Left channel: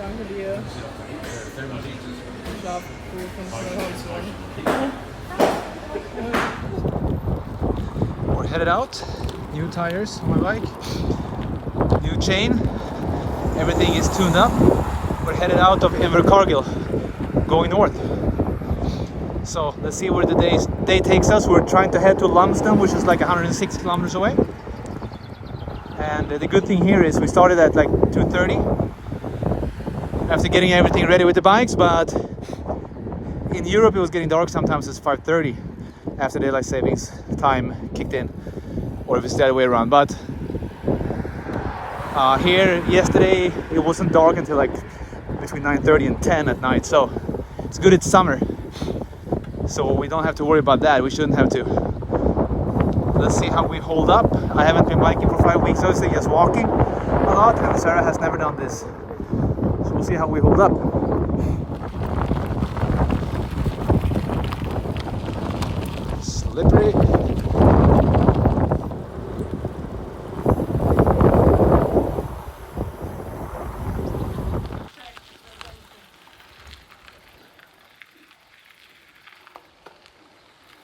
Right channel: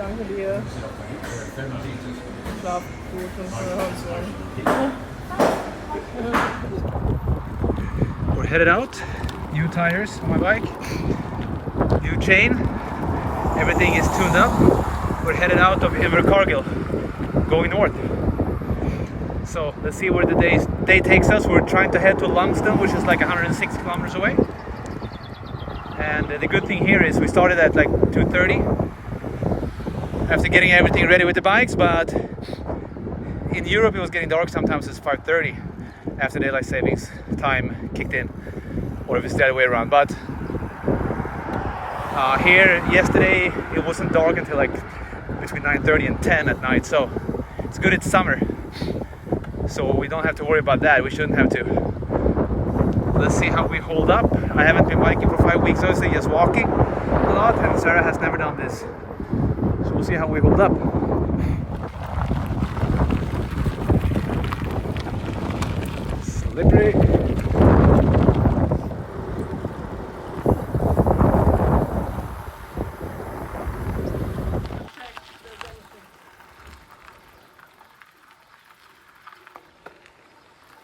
Danke dir. Schlaf gut und We're headed out. New tires on my bike. New chain. Everything is tuned up. We're headed out of Invercargill, going north. So let's see where the day takes us. We're trying to head to Lumsden, which is like 106 kilometers away. And the good thing here is we started at like 2:30 after getting everything ready with the bikes, but in Europe it was getting dark sometimes. It's 5:30 after daylight savings time kicked in, or if it's the other way around. But here yesterday it wasn't dark until like between 9:30 and 10 at night, so it's good it's summer, so we don't have to worry about that. We shouldn't have to. Let's see how we hold up. I haven't been biking for 5 weeks, obviously, just walking a lot, and Sarah has never done this, so we'll see how we hold up. Slippery.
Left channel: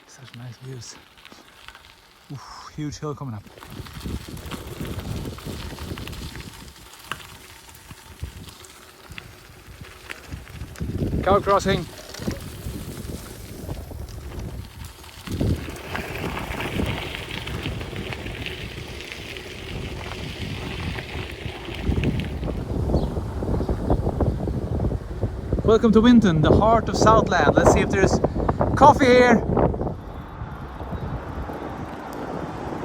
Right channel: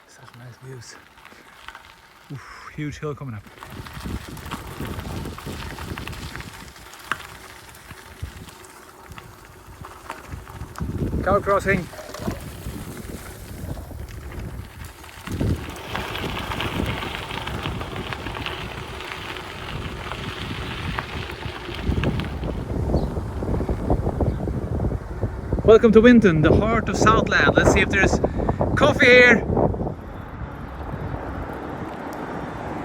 Such nice views. Oof, huge hill coming up. Cow crossing. Welcome to Winton, the heart of Southland. Let's see if there's coffee here.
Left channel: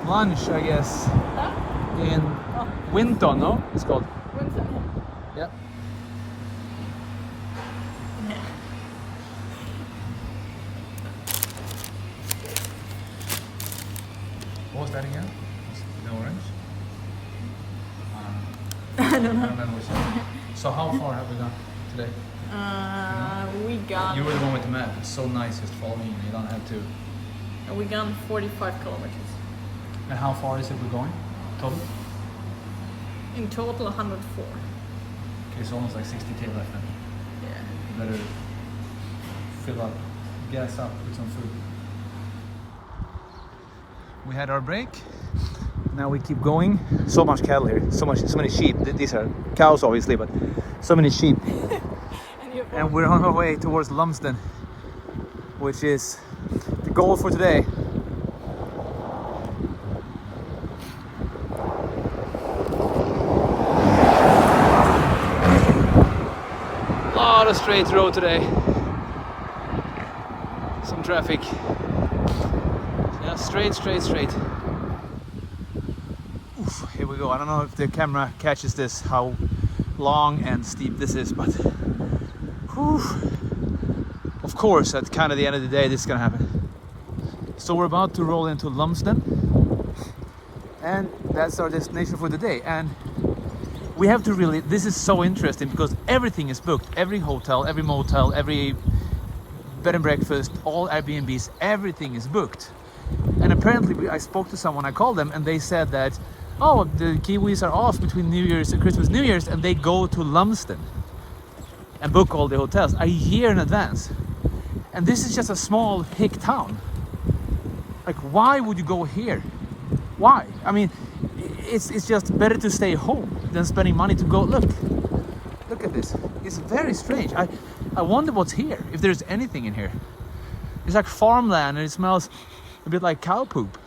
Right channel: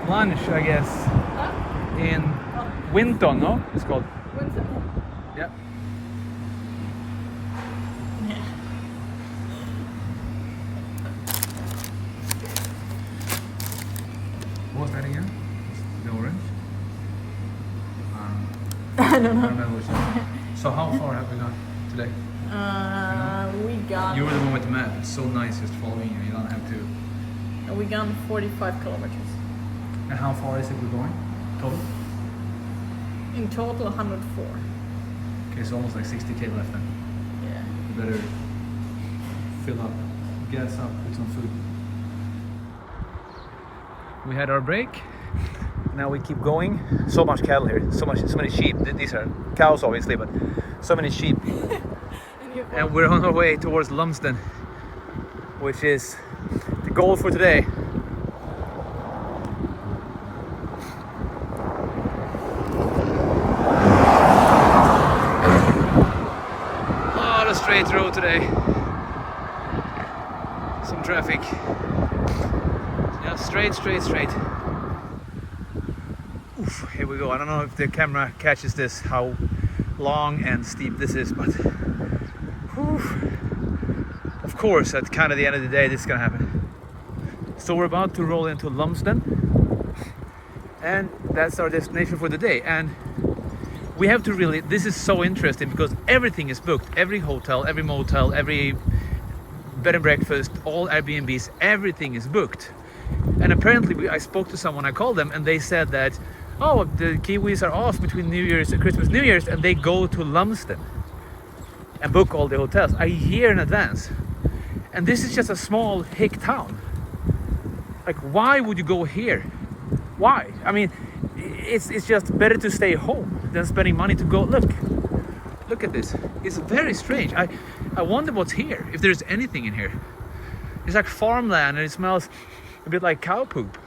Lunch, I guess. Huh? In Winton, no? It's called. Yeah. What was that again? The orange? I don't know. I don't know which one. So how far have we gone today? We got. You were the one with the map. It's so nice just following you. You don't have to. We gone 45 kilometers. And how far is it we're going? Total? In total, 104. Okay, so almost like 60k left then. Yeah. You better fill up, gas up with some food. We had our break. Now we keep going. So much cattle here. So many sheep. These are cows obviously, but so many sheep. And we're on our way towards Lumsden, which is the goal for today. A lot of straight road today. Some traffic. Yeah, straight. Oof, here we go. I don't know if the camera catches this, how long and steep this is, but of course at kind of the end of the day this is gonna happen. So we're about to roll into Lumsden, and that's our destination for the day. And we have to really, this is so interesting because everything is booked. Every hotel, every motel, every bed and breakfast, all Airbnbs, everything is booked. And apparently I spoke to someone, I called them, and they said that, oh, the Kiwis are off between New Year's and Christmas, New Year's, and they go to Lumsden and book all the hotels a year in advance. And this is just a small hick town. Like, why would you go here? Why? I mean, it's just better to stay home than spending money to go. Look at this. It's very strange. I wonder what's here, if there's anything in here. It's like farmland and it smells a bit like cow poop.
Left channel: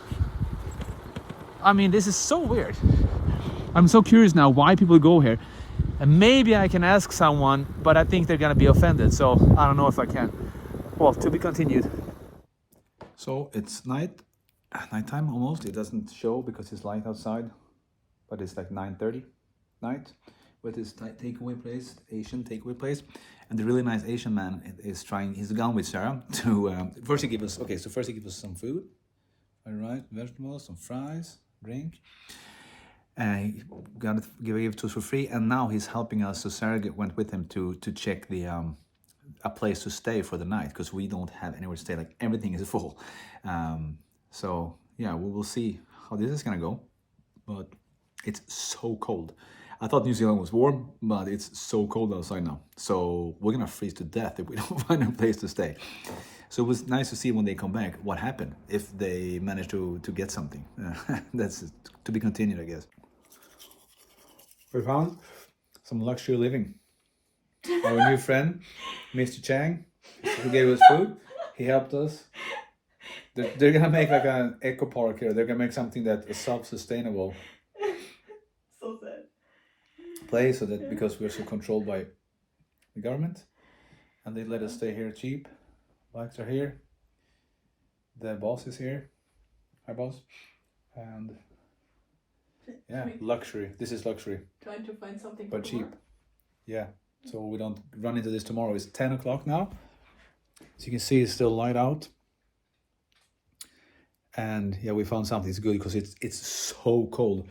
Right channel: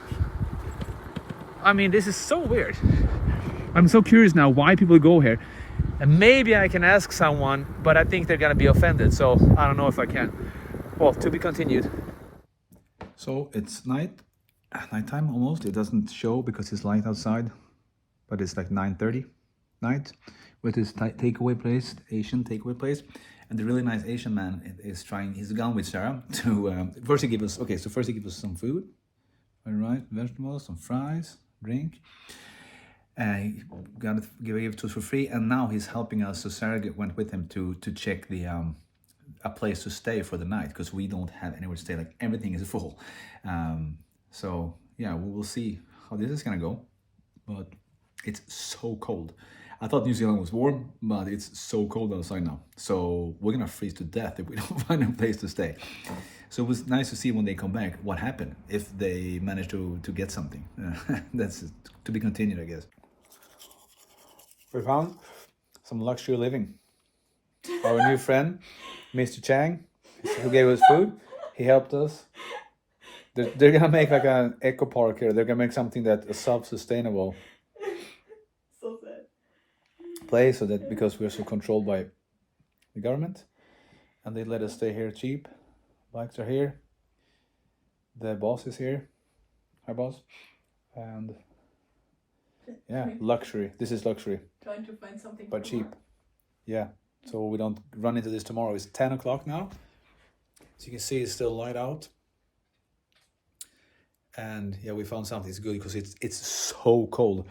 I mean, this is so weird. I'm so curious now why people go here. And maybe I can ask someone, but I think they're gonna be offended, so I don't know if I can. Well, to be continued. So it's nighttime almost. It doesn't show because it's light outside, but it's like 9:30 night with this takeaway place, Asian takeaway place. And the really nice Asian man is trying, he's gone with Sarah to, first he gave us some food, right, vegetables, some fries, drink. He gave it to us for free, and now he's helping us. So Sarah went with him to check the a place to stay for the night because we don't have anywhere to stay. Like everything is full. So yeah, we will see how this is gonna go. But it's so cold. I thought New Zealand was warm, but it's so cold outside now. So we're gonna freeze to death if we don't find a place to stay. So it was nice to see when they come back what happened, if they managed to get something. That's to be continued, I guess. We found some luxury living. Our new friend, Mr. Chang, who gave us food, he helped us. They're gonna make like an eco park here. They're gonna make something that is self-sustainable. So sad. Place, so that because we're so controlled by the government, and they let us stay here cheap. Bikes are here. The boss is here. Hi, boss. And yeah, luxury. This is luxury, Trying to find something but for cheap. work. Yeah. So we don't run into this tomorrow. It's 10 o'clock now. So you can see it's still light out. And yeah, we found something. It's good because it's so cold.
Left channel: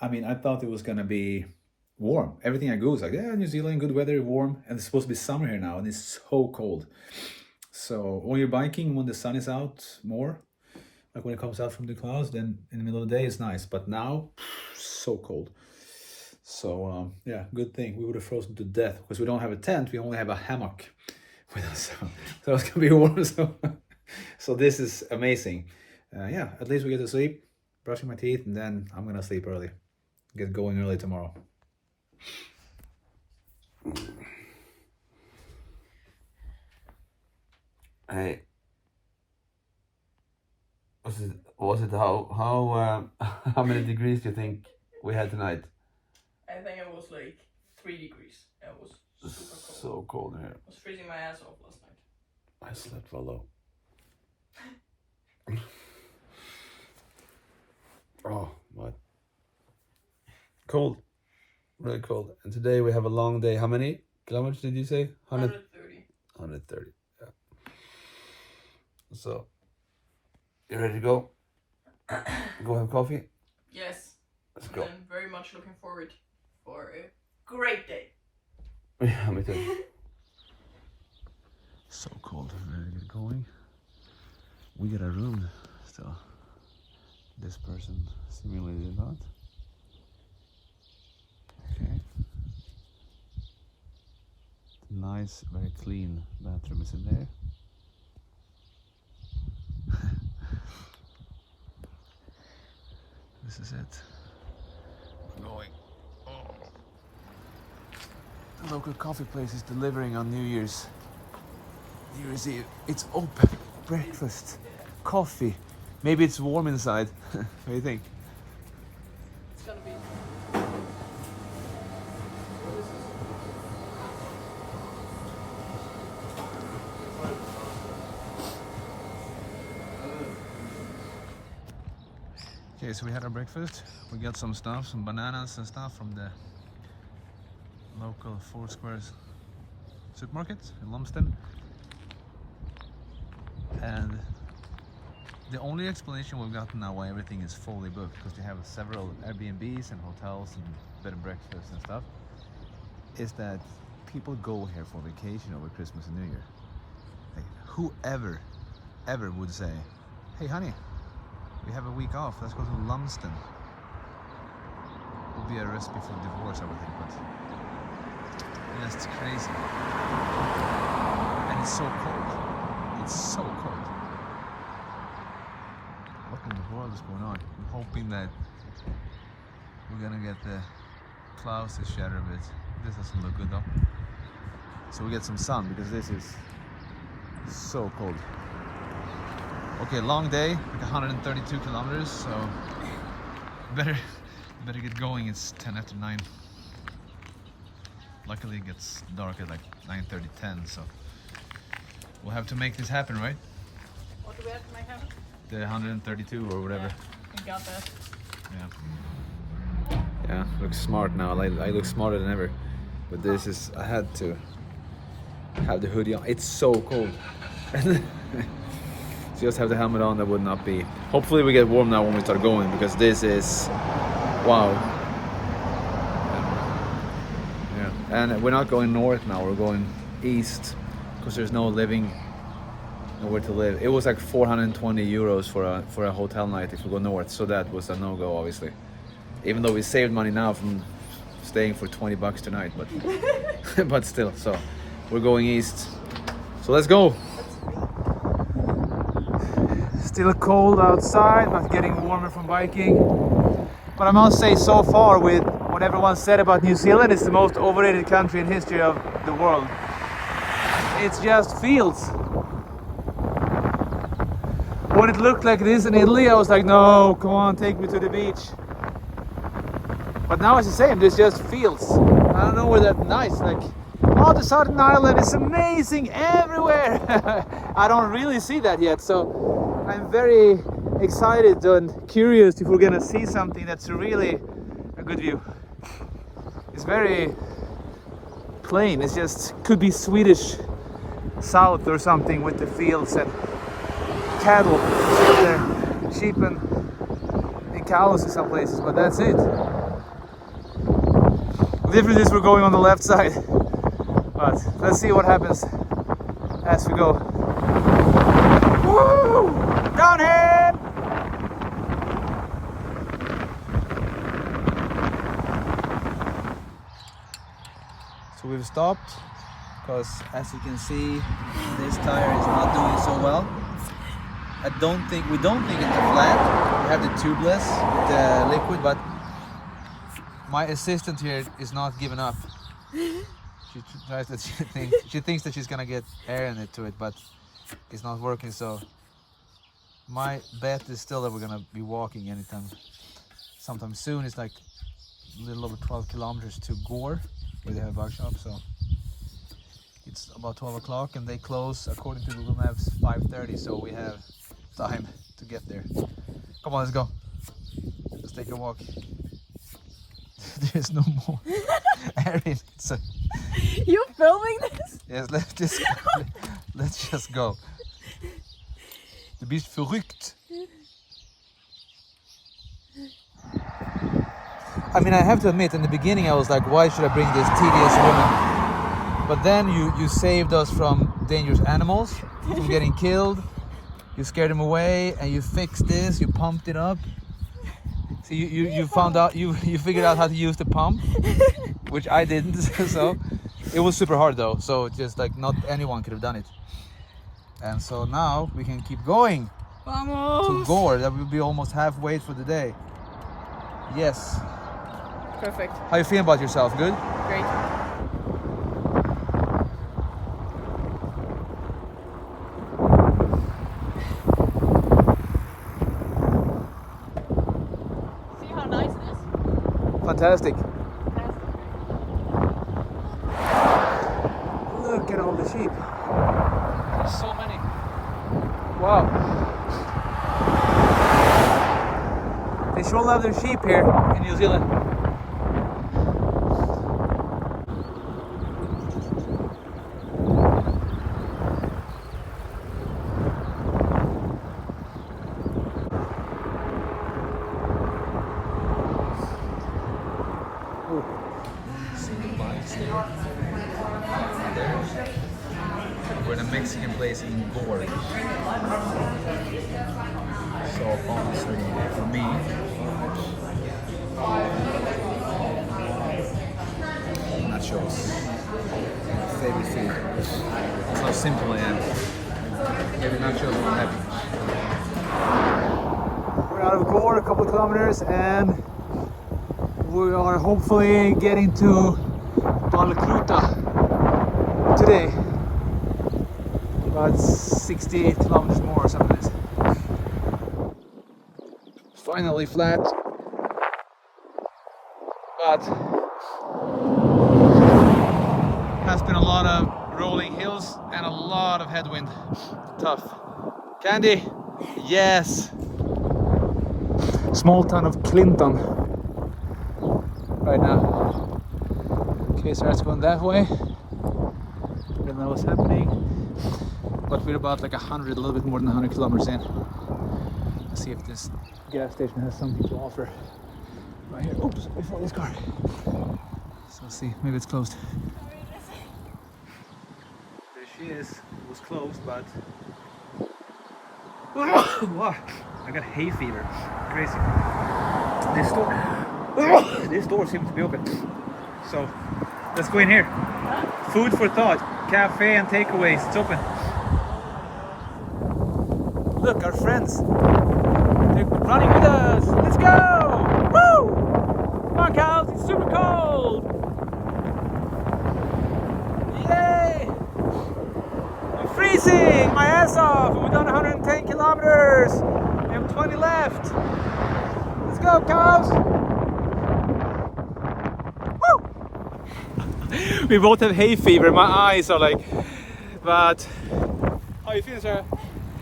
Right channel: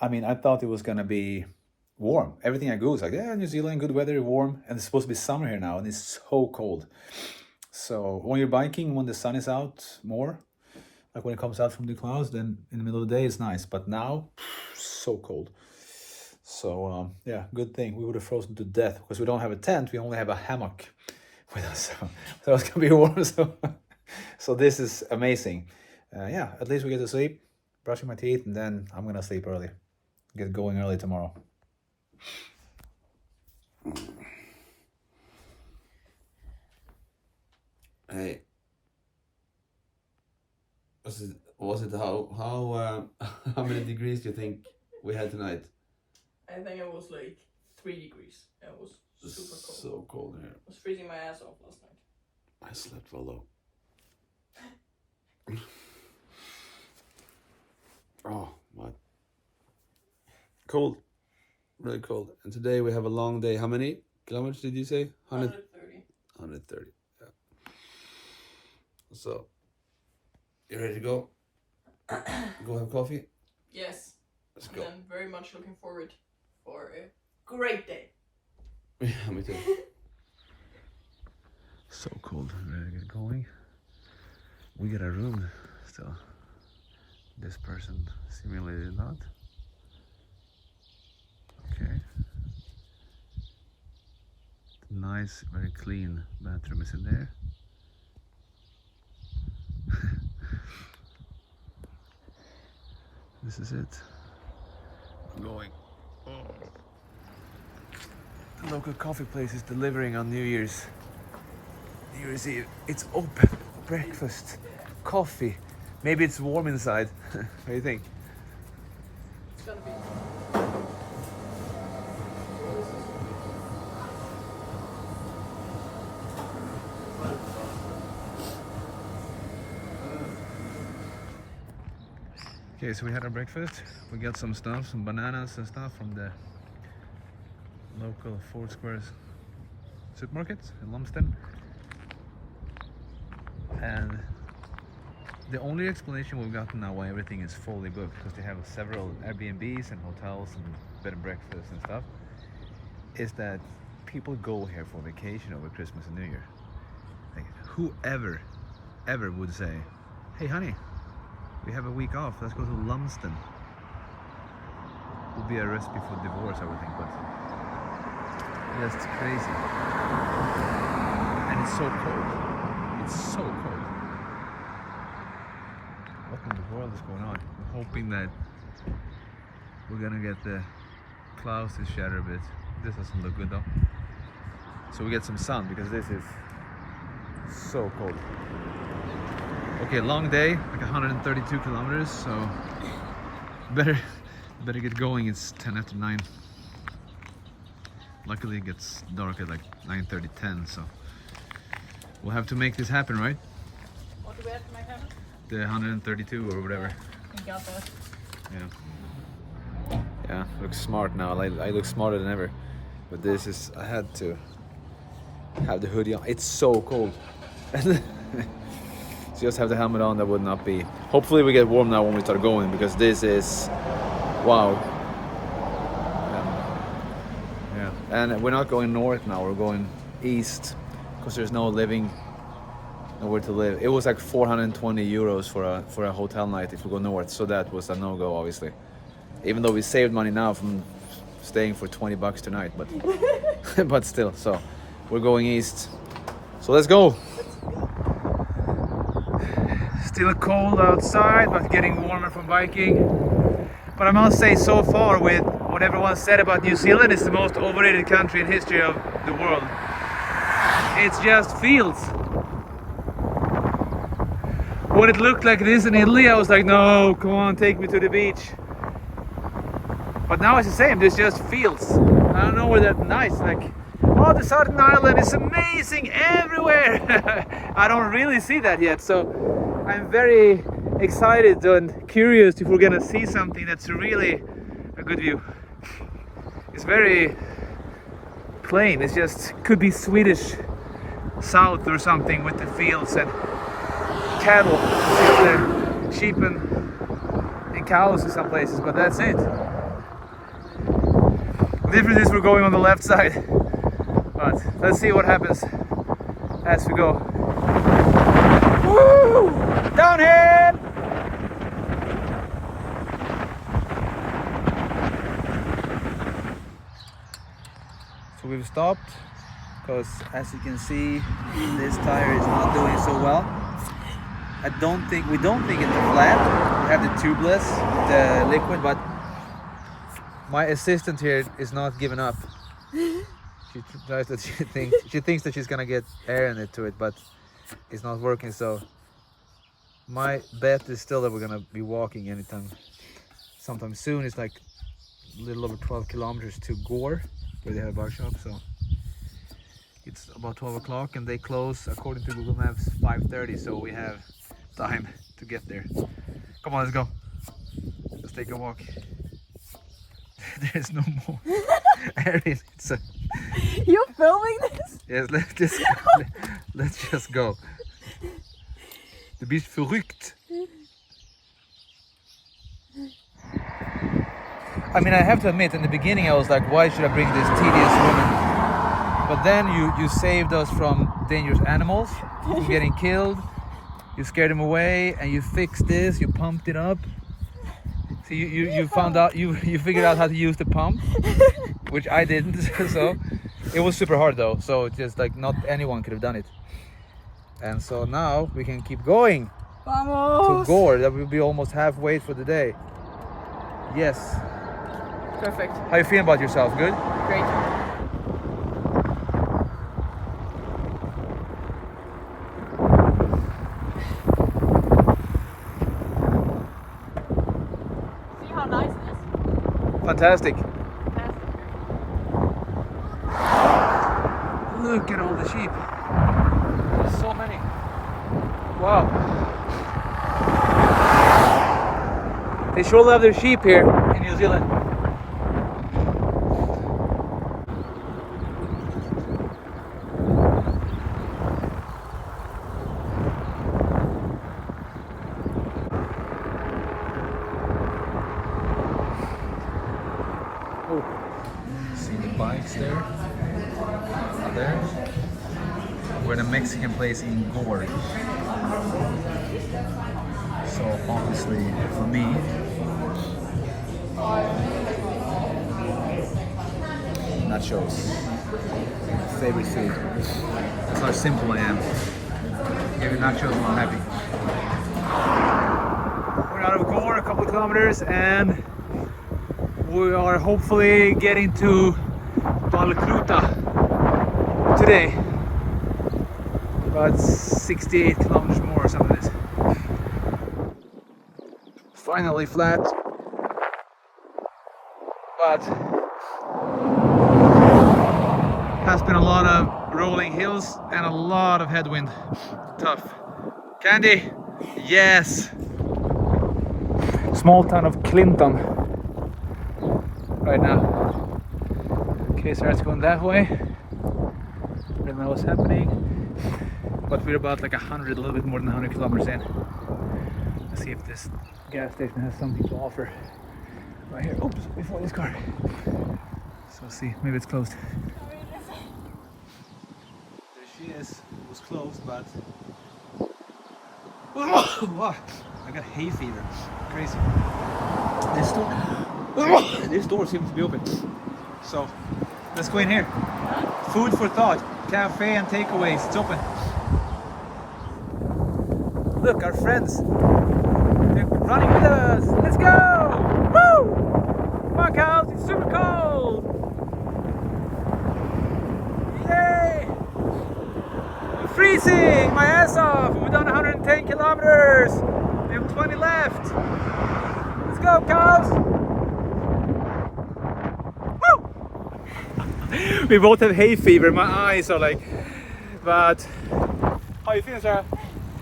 I mean, I thought it was gonna be warm. Everything I go is like, yeah, New Zealand, good weather, warm, and it's supposed to be summer here now, and it's so cold. So when you're biking, when the sun is out more, like when it comes out from the clouds, then in the middle of the day it's nice. But now, so cold. So yeah, good thing we would have frozen to death because we don't have a tent. We only have a hammock with us, so it's gonna be warm. So this is amazing. Yeah, at least we get to sleep, brushing my teeth, and then I'm gonna sleep early, get going early tomorrow. Hey, was it how many degrees do you think we had tonight? I think it was like 3 degrees. It was super cold. So cold here. I was freezing my ass off last night. I slept well though. Oh, what? Cold, really cold. And today we have a long day. How many kilometers did you say? 130. 130. Yeah. So, you ready to go? Go have coffee? Yes. Let's And go. I'm very much looking forward for a great day. Yeah, me too. So cold. I'm ready to get going. We get a room still. This person seemingly did not. Okay. Nice, very clean bathroom is in there. This is it. We're going. Oh. The local coffee place is delivering on New Year's Eve. It's open. Breakfast, coffee. Maybe it's warm inside. What do you think? It's gonna be. Okay, so we had our breakfast. We got some stuff, some bananas and stuff from the local Four Squares supermarket in Lumsden. And the only explanation we've gotten now why everything is fully booked, because they have several Airbnbs and hotels and bed and breakfasts and stuff, is that people go here for vacation over Christmas and New Year. Like, whoever ever would say, hey honey, we have a week off, let's go to Lumsden. Would be a recipe for divorce, I would think, but that's crazy. And it's so cold. It's so cold. What in the world is going on? I'm hoping that we're gonna get the clouds to shatter a bit. This doesn't look good though. So we get some sun because this is so cold. Okay, long day, like 132 kilometers, so better get going. It's 10 after 9. Luckily it gets dark at like 9:30, 10, so we'll have to make this happen, right? What do we have to make happen? The 132 or whatever. Yeah, we got that. Yeah. Yeah, looks smart now. I look smarter than ever. But this is, I had to have the hoodie on. It's so cold. Just have the helmet on, that would not be. Hopefully we get warm now when we start going, because this is, wow. Yeah. And we're not going north now, we're going east, because there's nowhere to live. It was like 420 euros for a hotel night if we go north, so that was a no-go, obviously. Even though we saved money now from staying for $20 tonight, but but still. So we're going east. So let's go. Still cold outside, but getting warmer from biking. But I must say, so far, with what everyone said about New Zealand, it's the most overrated country in history of the world. It's just fields. When it looked like this in Italy, I was like, no, come on, take me to the beach. But now it's the same, there's just fields. I don't know where that's nice, like, oh, the Southern Ireland is amazing everywhere. I don't really see that yet, so I'm very excited and curious if we're gonna see something that's really a good view. It's very plain, it's just, could be Swedish south or something with the fields and cattle, see over there, sheep and cows in some places, but that's it. The difference is we're going on the left side, but let's see what happens as we go. Woo! Downhill! So we've stopped because, as you can see, this tire is not doing so well. We don't think it's the flat. We have the tubeless, the liquid, but my assistant here is not giving up. She thinks that she's gonna get air in it to it, but it's not working. So my bet is still that we're gonna be walking sometime soon. It's like a little over 12 kilometers to Gore, where they have a bar shop. So it's about 12 o'clock, and they close according to Google Maps 5:30. So we have time to get there. Come on, let's go. Let's take a walk. There's no more air in it. So You're filming this? yes, let's just go. Du bist verrückt. I mean, I have to admit, in the beginning I was like, why should I bring this tedious woman? But then you saved us from dangerous animals, from getting killed. You scared them away, and you fixed this, you pumped it up. So you found out, you figured out how to use the pump, which I didn't. So it was super hard though, so just like not anyone could have done it. And so now we can keep going Vamos! to Gore. That will be almost halfway for the day. Yes. Perfect. How you feeling about yourself? Good? Great. See how nice it is? Fantastic. Look at all the sheep. There's so many. Wow. They sure love their sheep here in New Zealand. See the bikes there? There. We're in a Mexican place in Gore. So obviously for me, nachos, my favorite food. That's how simple I am. Give me nachos and I'm happy. We're out of Gore, a couple of kilometers, and we are hopefully getting to Palmerston today. About 68 kilometers more or something. Finally flat, but has been a lot of rolling hills and a lot of headwind. Tough. Candy? Yes. Small town of Clinton right now. Okay, so it's going that way. I don't know what's happening, but we're about like 100, a little bit more than 100 kilometers in. Let's see if this gas station has something to offer right here. Oops, before this car. So let's see, maybe it's closed. There she is. It was closed, but I got hay fever. Crazy. This door seems to be open. So let's go in here. Food for thought. Cafe and takeaways. It's open. Look, our friends. They're running with us. Let's go! Woo! Come on, cows. It's super cold. Yay! I'm freezing my ass off. We've done 110 kilometers. We have 20 left. Let's go, cows. Woo! We both have hay fever. My eyes are like, but how are you feeling, Sarah?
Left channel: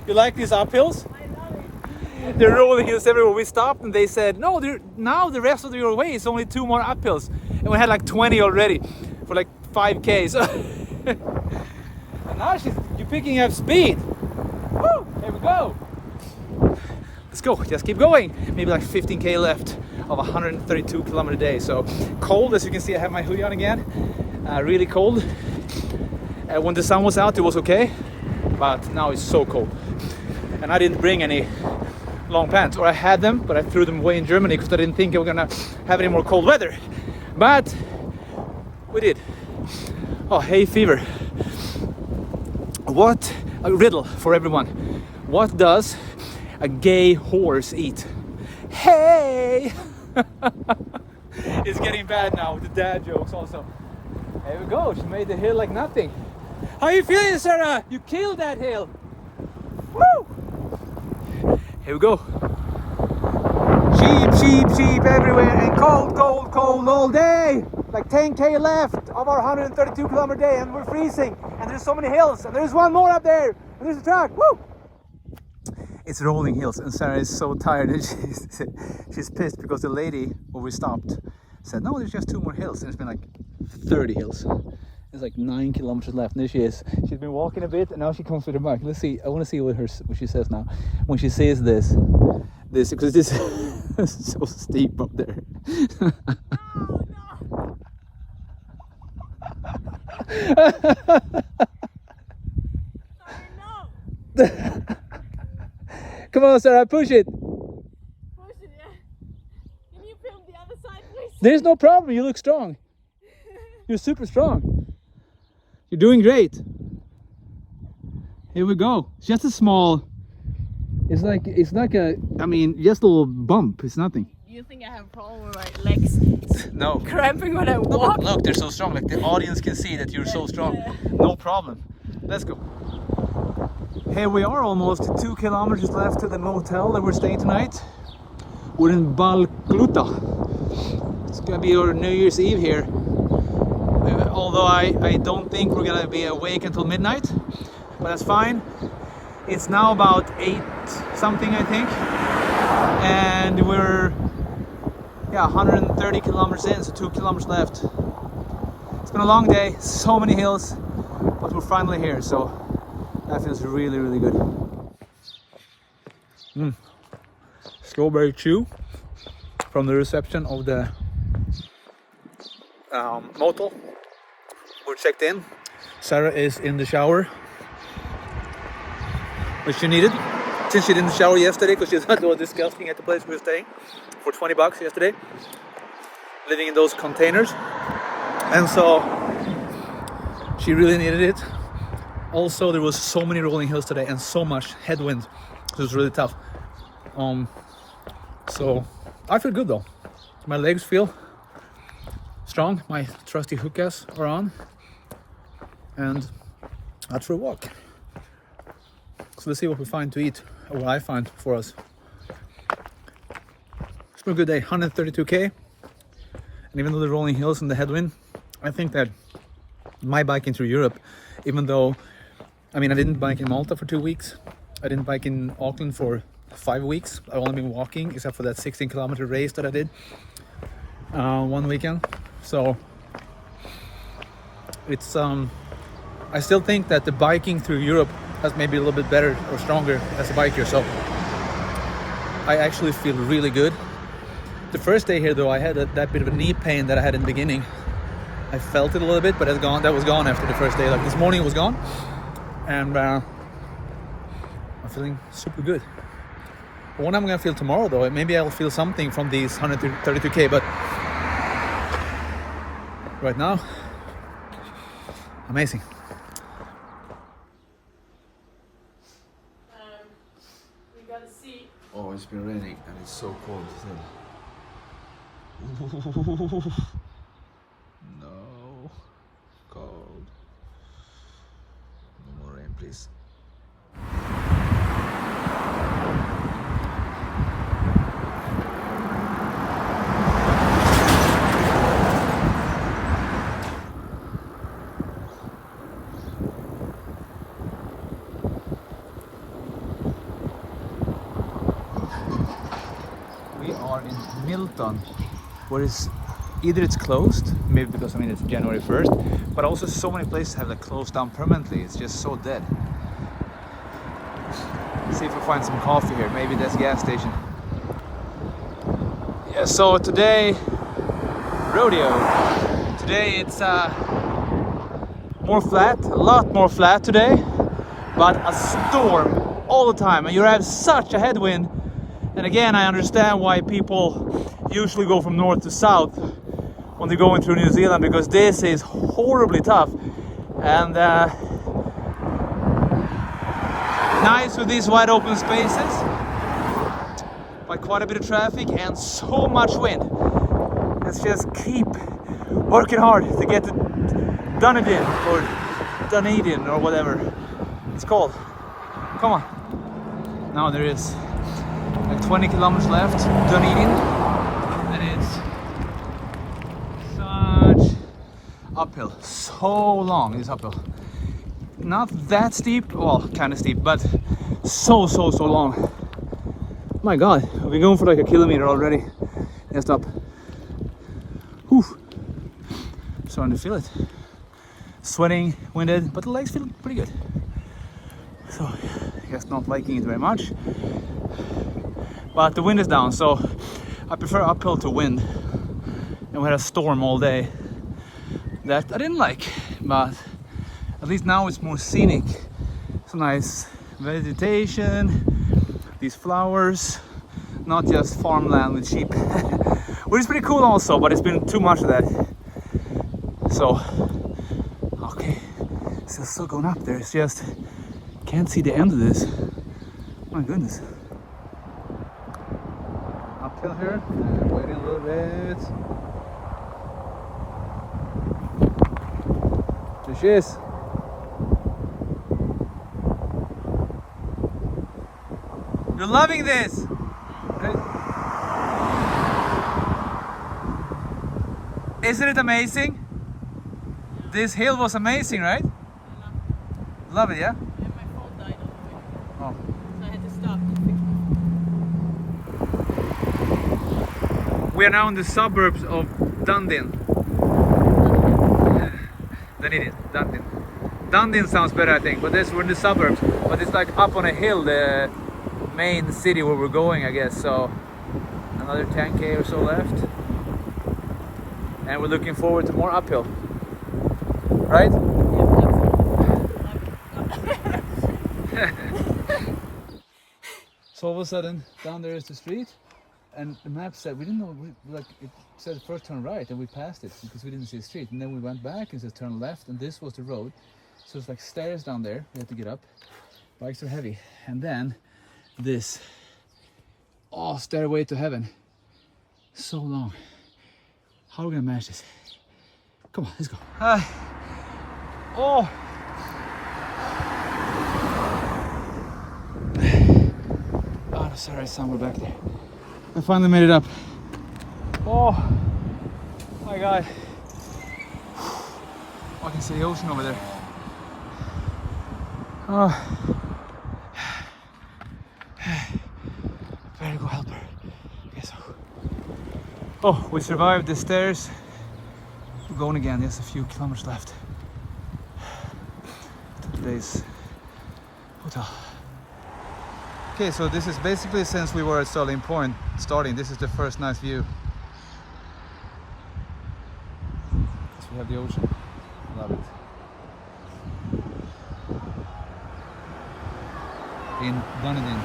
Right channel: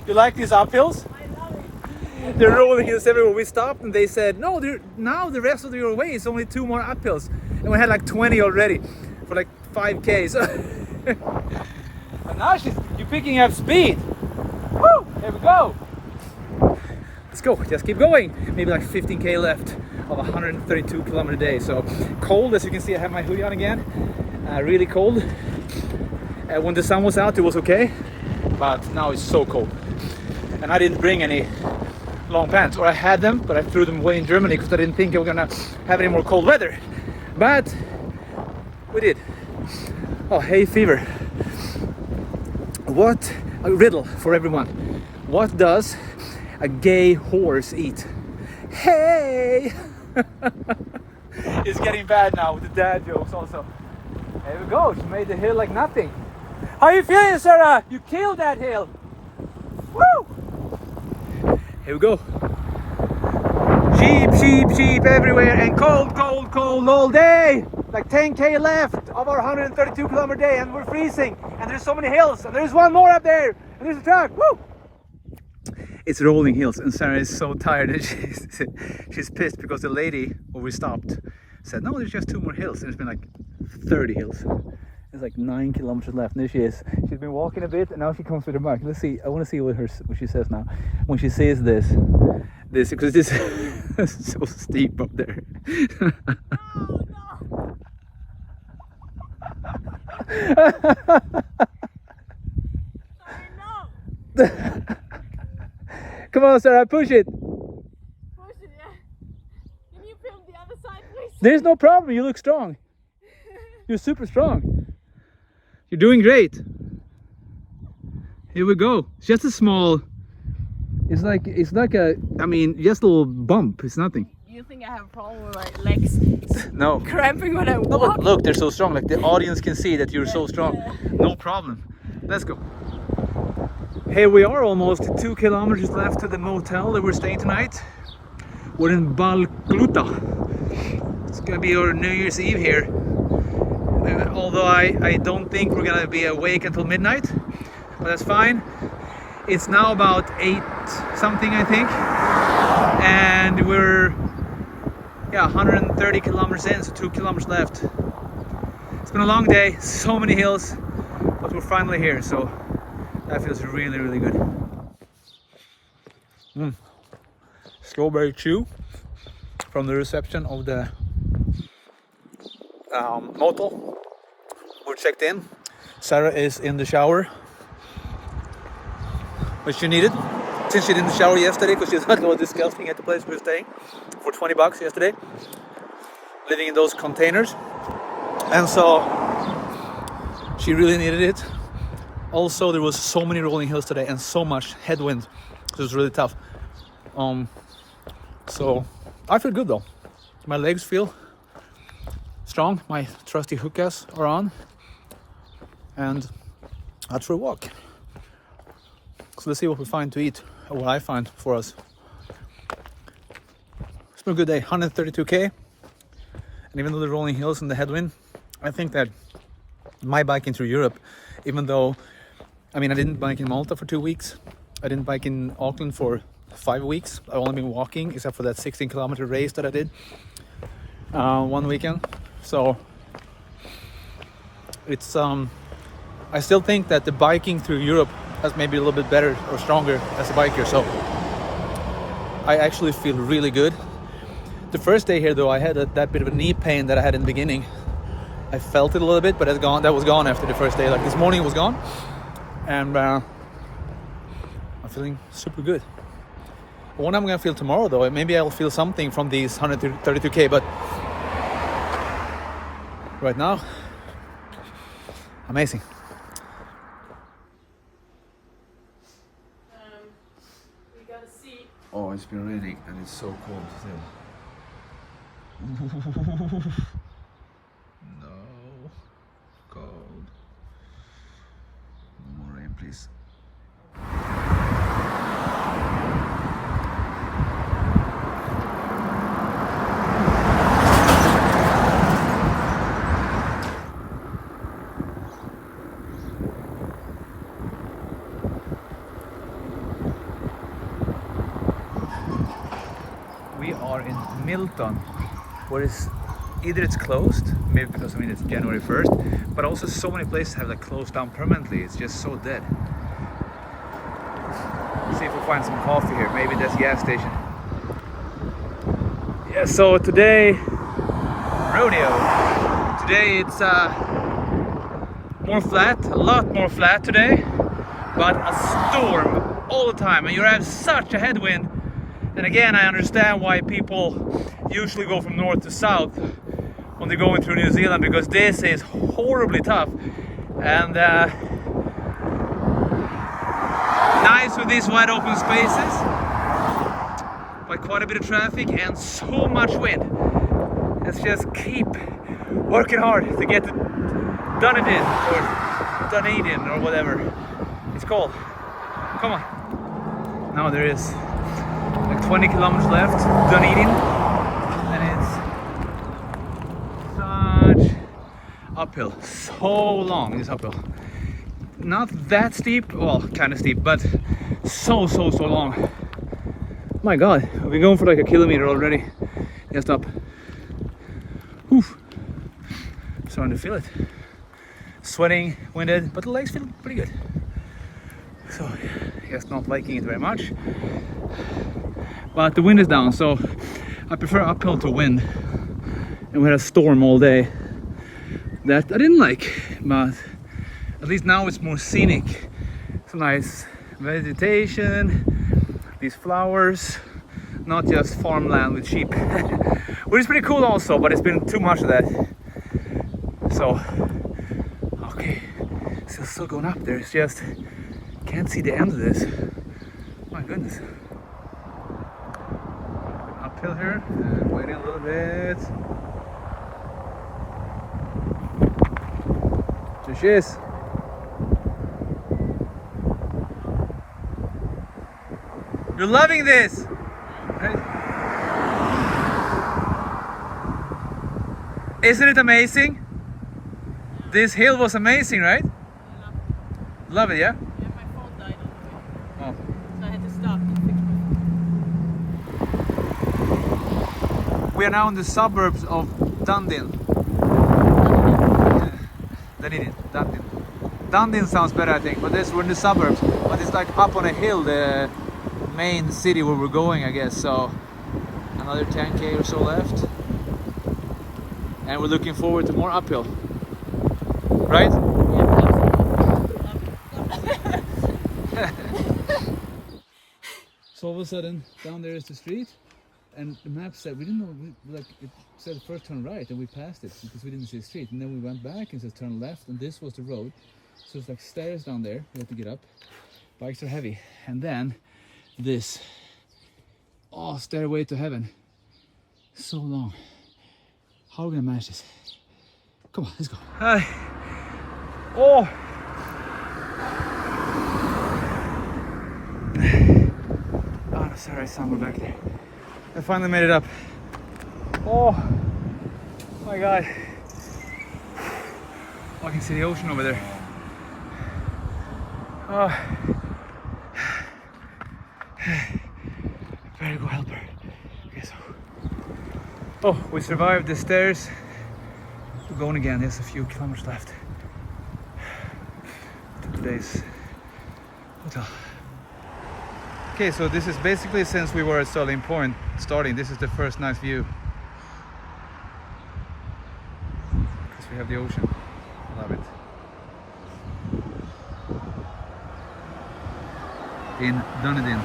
You like these uphills? I love it. They're rolling hills everywhere. We stopped and they said, no, now the rest of your way is only 2 more uphills. And we had like 20 already for like 5K. So and now you're picking up speed. Woo! Here we go. Let's go. Just keep going. Maybe like 15K left of a 132 kilometer day. So cold, as you can see. I have my hoodie on again. Really cold. And when the sun was out, it was okay. But now it's so cold. And I didn't bring any long pants, or I had them, but I threw them away in Germany because I didn't think I was gonna have any more cold weather. But we did. Oh, hay fever. What a riddle for everyone. What does a gay horse eat? Hey! It's getting bad now with the dad jokes also. There we go. She made the hill like nothing. How are you feeling, Sarah? You killed that hill. Woo! Here we go. Sheep everywhere, and cold all day. Like 10K left of our 132 kilometer day, and we're freezing. And there's so many hills, and there's one more up there, and there's a truck. Woo! It's rolling hills, and Sarah is so tired, and she's pissed because the lady where we stopped said, no, there's just 2 more hills, and it's been like 30 hills. There's like 9 kilometers left, and there she is. She's been walking a bit, and now she comes with her bike. Let's see. I want to see what she says now. When she says this, because this is so steep up there. Come on, Sarah, push it. Push it, yeah. Can you film the other side, please? There's no problem. You look strong. You're super strong. You're doing great. Here we go. It's just a small. It's like a. I mean, just a little bump. It's nothing. Do you think I have a problem with my legs No. cramping when I walk? Look, they're so strong. Like the audience can see that you're so strong. No problem. Let's go. Here we are, almost 2 kilometers left to the motel that we're staying tonight. We're in Balkluta. It's gonna be our New Year's Eve here. Although I don't think we're gonna be awake until midnight, but that's fine. It's now about 8 something, I think, and we're 130 kilometers in, so 2 kilometers left. It's been a long day, so many hills, but we're finally here, so that feels really, really good. Strawberry chew from the reception of the motel. We're checked in. Sarah is in the shower, which she needed, since she didn't shower yesterday because she thought it was disgusting at the place we were staying for 20 bucks yesterday, living in those containers, and so she really needed it. Also, there was so many rolling hills today and so much headwind, so it was really tough. So I feel good though. My legs feel strong. My trusty hookahs are on, and out for a walk. So let's see what we find to eat, or what I find for us. It's been a good day, 132K. And even though the rolling hills and the headwind, I think that my biking through Europe, even though, I mean, I didn't bike in Malta for 2 weeks. I didn't bike in Auckland for 5 weeks. I've only been walking, except for that 16 kilometer race that I did one weekend. So it's I still think that the biking through Europe has maybe a little bit better or stronger as a biker. So I actually feel really good. The first day here though, I had that bit of a knee pain that I had in the beginning. I felt it a little bit, but that was gone after the first day. Like this morning it was gone, and I'm feeling super good. What I'm gonna feel tomorrow though, maybe I'll feel something from these 132K, but right now. Amazing. We gotta see. Oh, it's been raining and it's so cold still. No, cold. No more rain, please. We are in Milton, where either it's closed, maybe because it's January 1st, but also so many places have like closed down permanently. It's just so dead. Let's see if we find some coffee here. Maybe that's a gas station. Yeah. So today, rodeo. Today it's more flat, a lot more flat today, but a storm all the time, and you have such a headwind. And again, I understand why people usually go from north to south when they're going through New Zealand, because this is horribly tough. And nice with these wide open spaces, but quite a bit of traffic and so much wind. Let's just keep working hard to get to Dunedin or whatever it's called. Come on. Now there is 20 kilometers left, Dunedin, and it's such uphill, so long this uphill. Not that steep, well, kind of steep, but so long. My God, we've been going for like a kilometer already. Just up. Whew. Starting to feel it. Sweating, winded, but the legs feel pretty good. So, I guess not liking it very much. But the wind is down, so I prefer uphill to wind. And we had a storm all day that I didn't like, but at least now it's more scenic. Some nice vegetation, these flowers, not just farmland with sheep. Which is pretty cool also, but it's been too much of that. So, okay, still going up there. It's just, can't see the end of this. My goodness. Uphill here, waiting a little bit. There she is. You're loving this! Right? Isn't it amazing? This hill was amazing, right? I love it. Love it, yeah? Yeah, my phone died on the way. Oh. So I had to stop and fix my phone. We are now in the suburbs of Dunedin. Dunedin. Dunedin sounds better, I think, but we're in the suburbs. But it's like up on a hill, the main city where we're going, I guess. So another 10k or so left, and we're looking forward to more uphill. Right? So all of a sudden, down there is the street, and the map said we didn't know. Like it said first turn right, and we passed it because we didn't see the street. And then we went back and said turn left, and this was the road. So it's like stairs down there. We had to get up. Bikes are heavy, and then this stairway to heaven. So long. How are we gonna manage this? Come on, let's go. Hi. Oh. Oh, sorry, somewhere back there. I finally made it up. Oh my God. Oh, I can see the ocean over there. Oh. Better go help her. Okay, so. Oh, we survived the stairs. We're going again. There's a few kilometers left to today's hotel. Okay, so this is basically, since we were at Starting Point starting, this is the first nice view. Because we have the ocean. Love it. In Dunedin.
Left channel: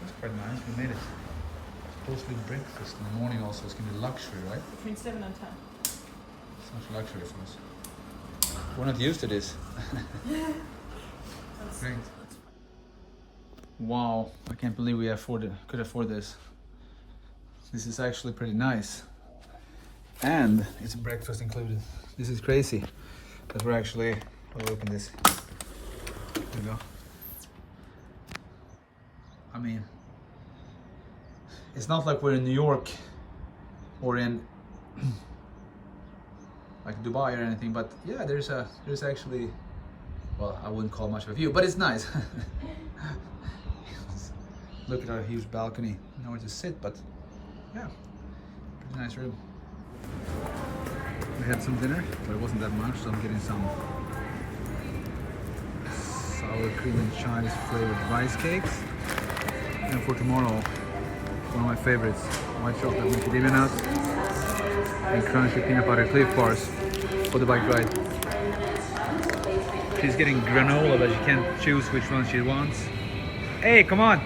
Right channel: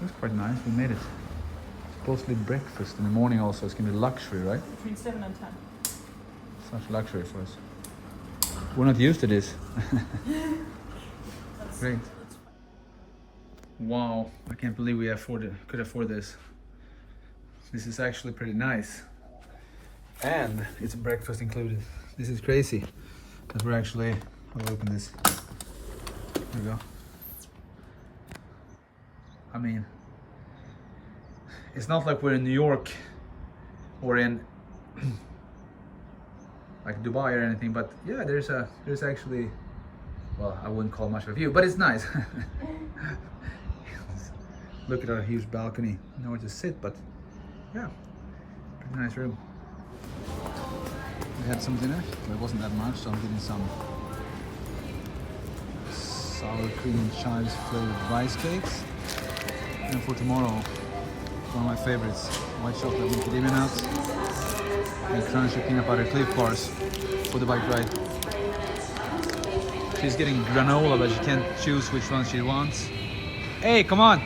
That's quite nice. actually breakfast in the morning also. It's gonna be luxury, right? Between 7 and 10. Such luxury for us. We're not used to this. Great. Wow, I can't believe we could afford this. This is actually pretty nice. And it's breakfast included. This is crazy. Because we're actually, I'll open this. There we go. I mean, it's not like we're in New York or in like Dubai or anything, but yeah, there's actually, well, I wouldn't call it much of a view, but it's nice. Look at our huge balcony. Nowhere to sit, but yeah, pretty nice room. We had some dinner, but it wasn't that much, so I'm getting some sour cream and chives flavored rice cakes. And for tomorrow, one of my favorites, white chocolate macadamia nuts and crunchy peanut butter Cliff Bars for the bike ride. She's getting granola, but she can't choose which one she wants. Hey, come on!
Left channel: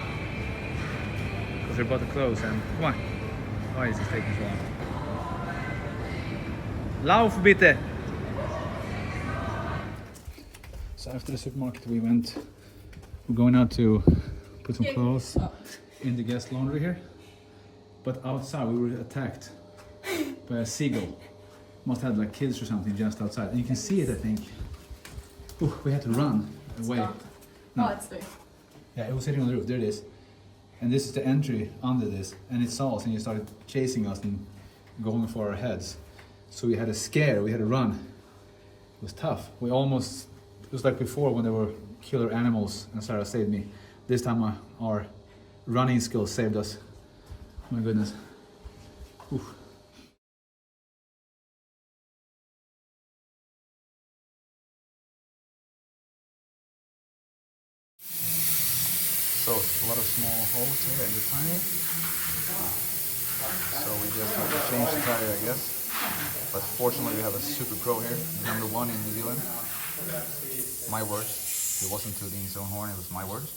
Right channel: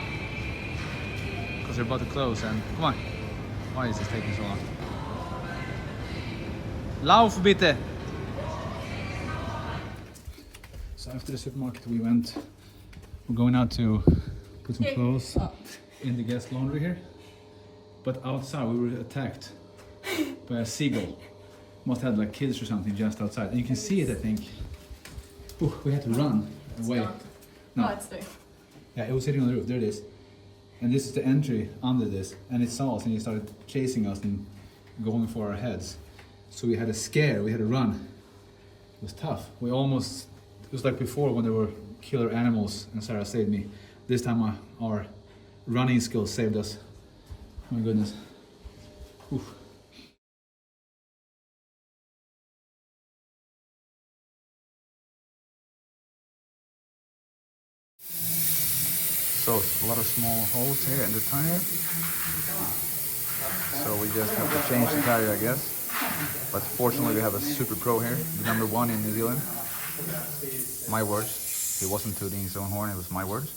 Because they're about to close, and come on. Why is this taking so long? Lauf bitte! So after the supermarket we're going out to put some clothes in the guest laundry here. But outside we were attacked by a seagull. Must have like kids or something just outside. And you can see it, I think. Ooh, we had to run away. No, it's there. Yeah, it was sitting on the roof. There it is. And this is the entry under this. And it saw us and it started chasing us and going for our heads. So we had a scare, we had to run. It was tough. It was like before when there were killer animals and Sarah saved me. This time our running skills saved us. Oh my goodness. Oof. So a lot of small holes here in the tire. So we just have to change the tire, I guess. But fortunately we have a super pro here, the #1 in New Zealand. My words. He wasn't tooting his own horn, it was my words.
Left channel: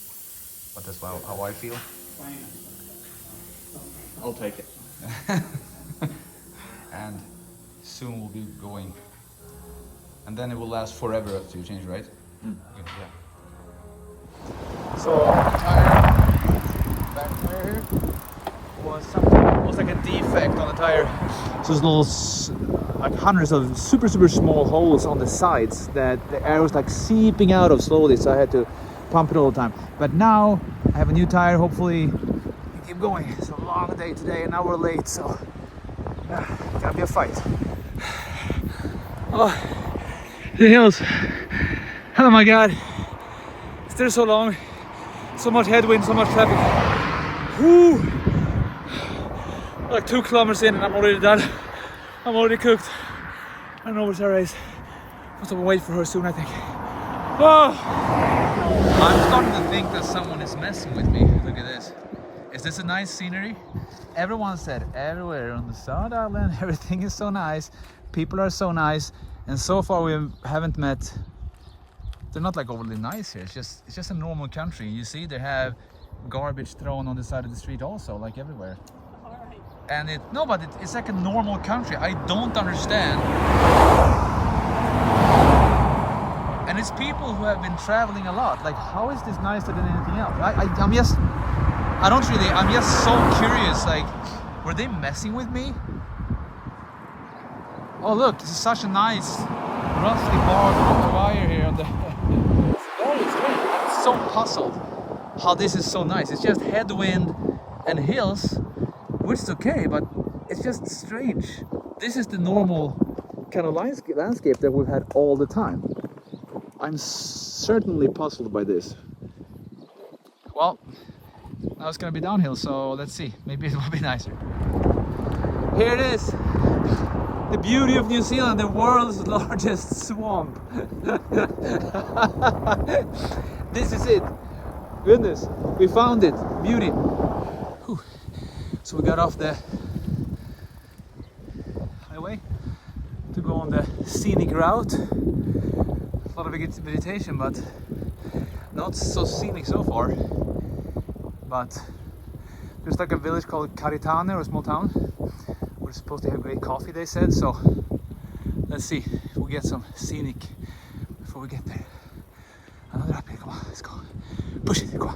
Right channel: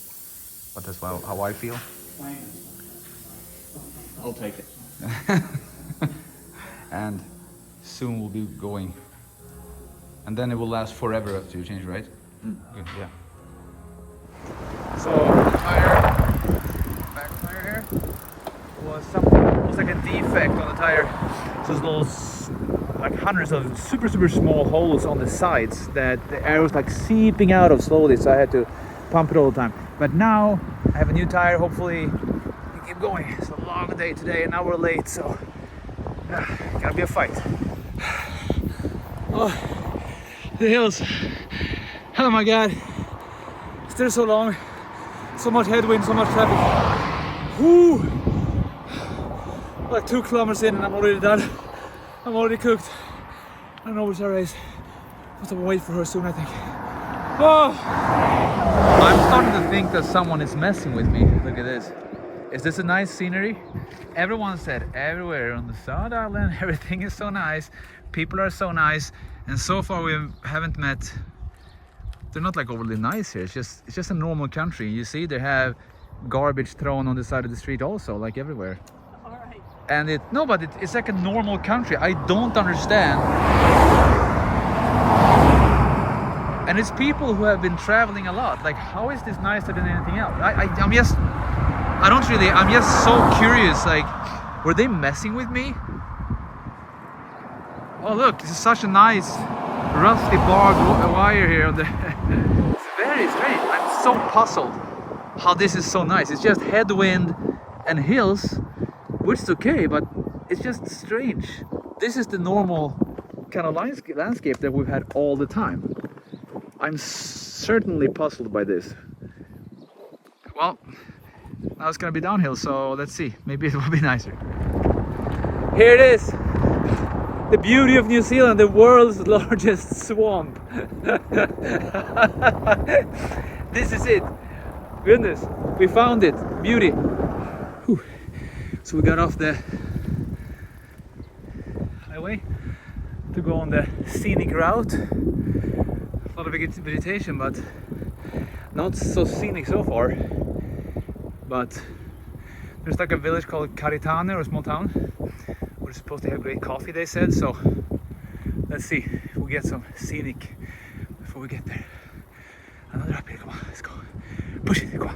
But that's how I feel. I'll take it. And soon we'll be going. And then it will last forever after you change, right? Yeah. So tire, back tire here, was like a defect on the tire. So there's little, like hundreds of super small holes on the sides that the air was like seeping out of slowly, so I had to pump it all the time. But now I have a new tire, hopefully we keep going. It's a long day today and now we're late, so gotta be a fight. Oh, the hills. Oh my god. Still so long, so much headwind, so much traffic. Woo! Like 2 kilometers in and I'm already done. I'm already cooked. I don't know where Sarah is. I'm gonna wait for her soon, I think. Oh! I'm starting to think that someone is messing with me. Look at this. Is this a nice scenery? Everyone said everywhere on the South Island, everything is so nice. People are so nice. And so far we haven't met. They're not like overly nice here. It's just a normal country. You see, they have garbage thrown on the side of the street also, like everywhere. All right. And it's like a normal country. I don't understand. And it's people who have been traveling a lot. Like, how is this nicer than anything else? I'm just so curious. Like, were they messing with me? Oh look, this is such a nice rusty barbed wire here on the. It's very strange. I'm so puzzled how this is so nice. It's just headwind and hills, which is okay, but it's just strange. This is the normal kind of landscape that we've had all the time. I'm certainly puzzled by this. Well, now it's gonna be downhill, so let's see. Maybe it will be nicer. Here it is. The beauty of New Zealand, the world's largest swamp. This is it. Goodness, we found it. Beauty. Whew. So we got off the highway to go on the scenic route. A lot of vegetation, but not so scenic so far. But There's like a village called Karitane, or a small town. We're supposed to have great coffee, they said, so let's see if we get some Scenic before we get there. Another up here, come on, let's go. Push it, come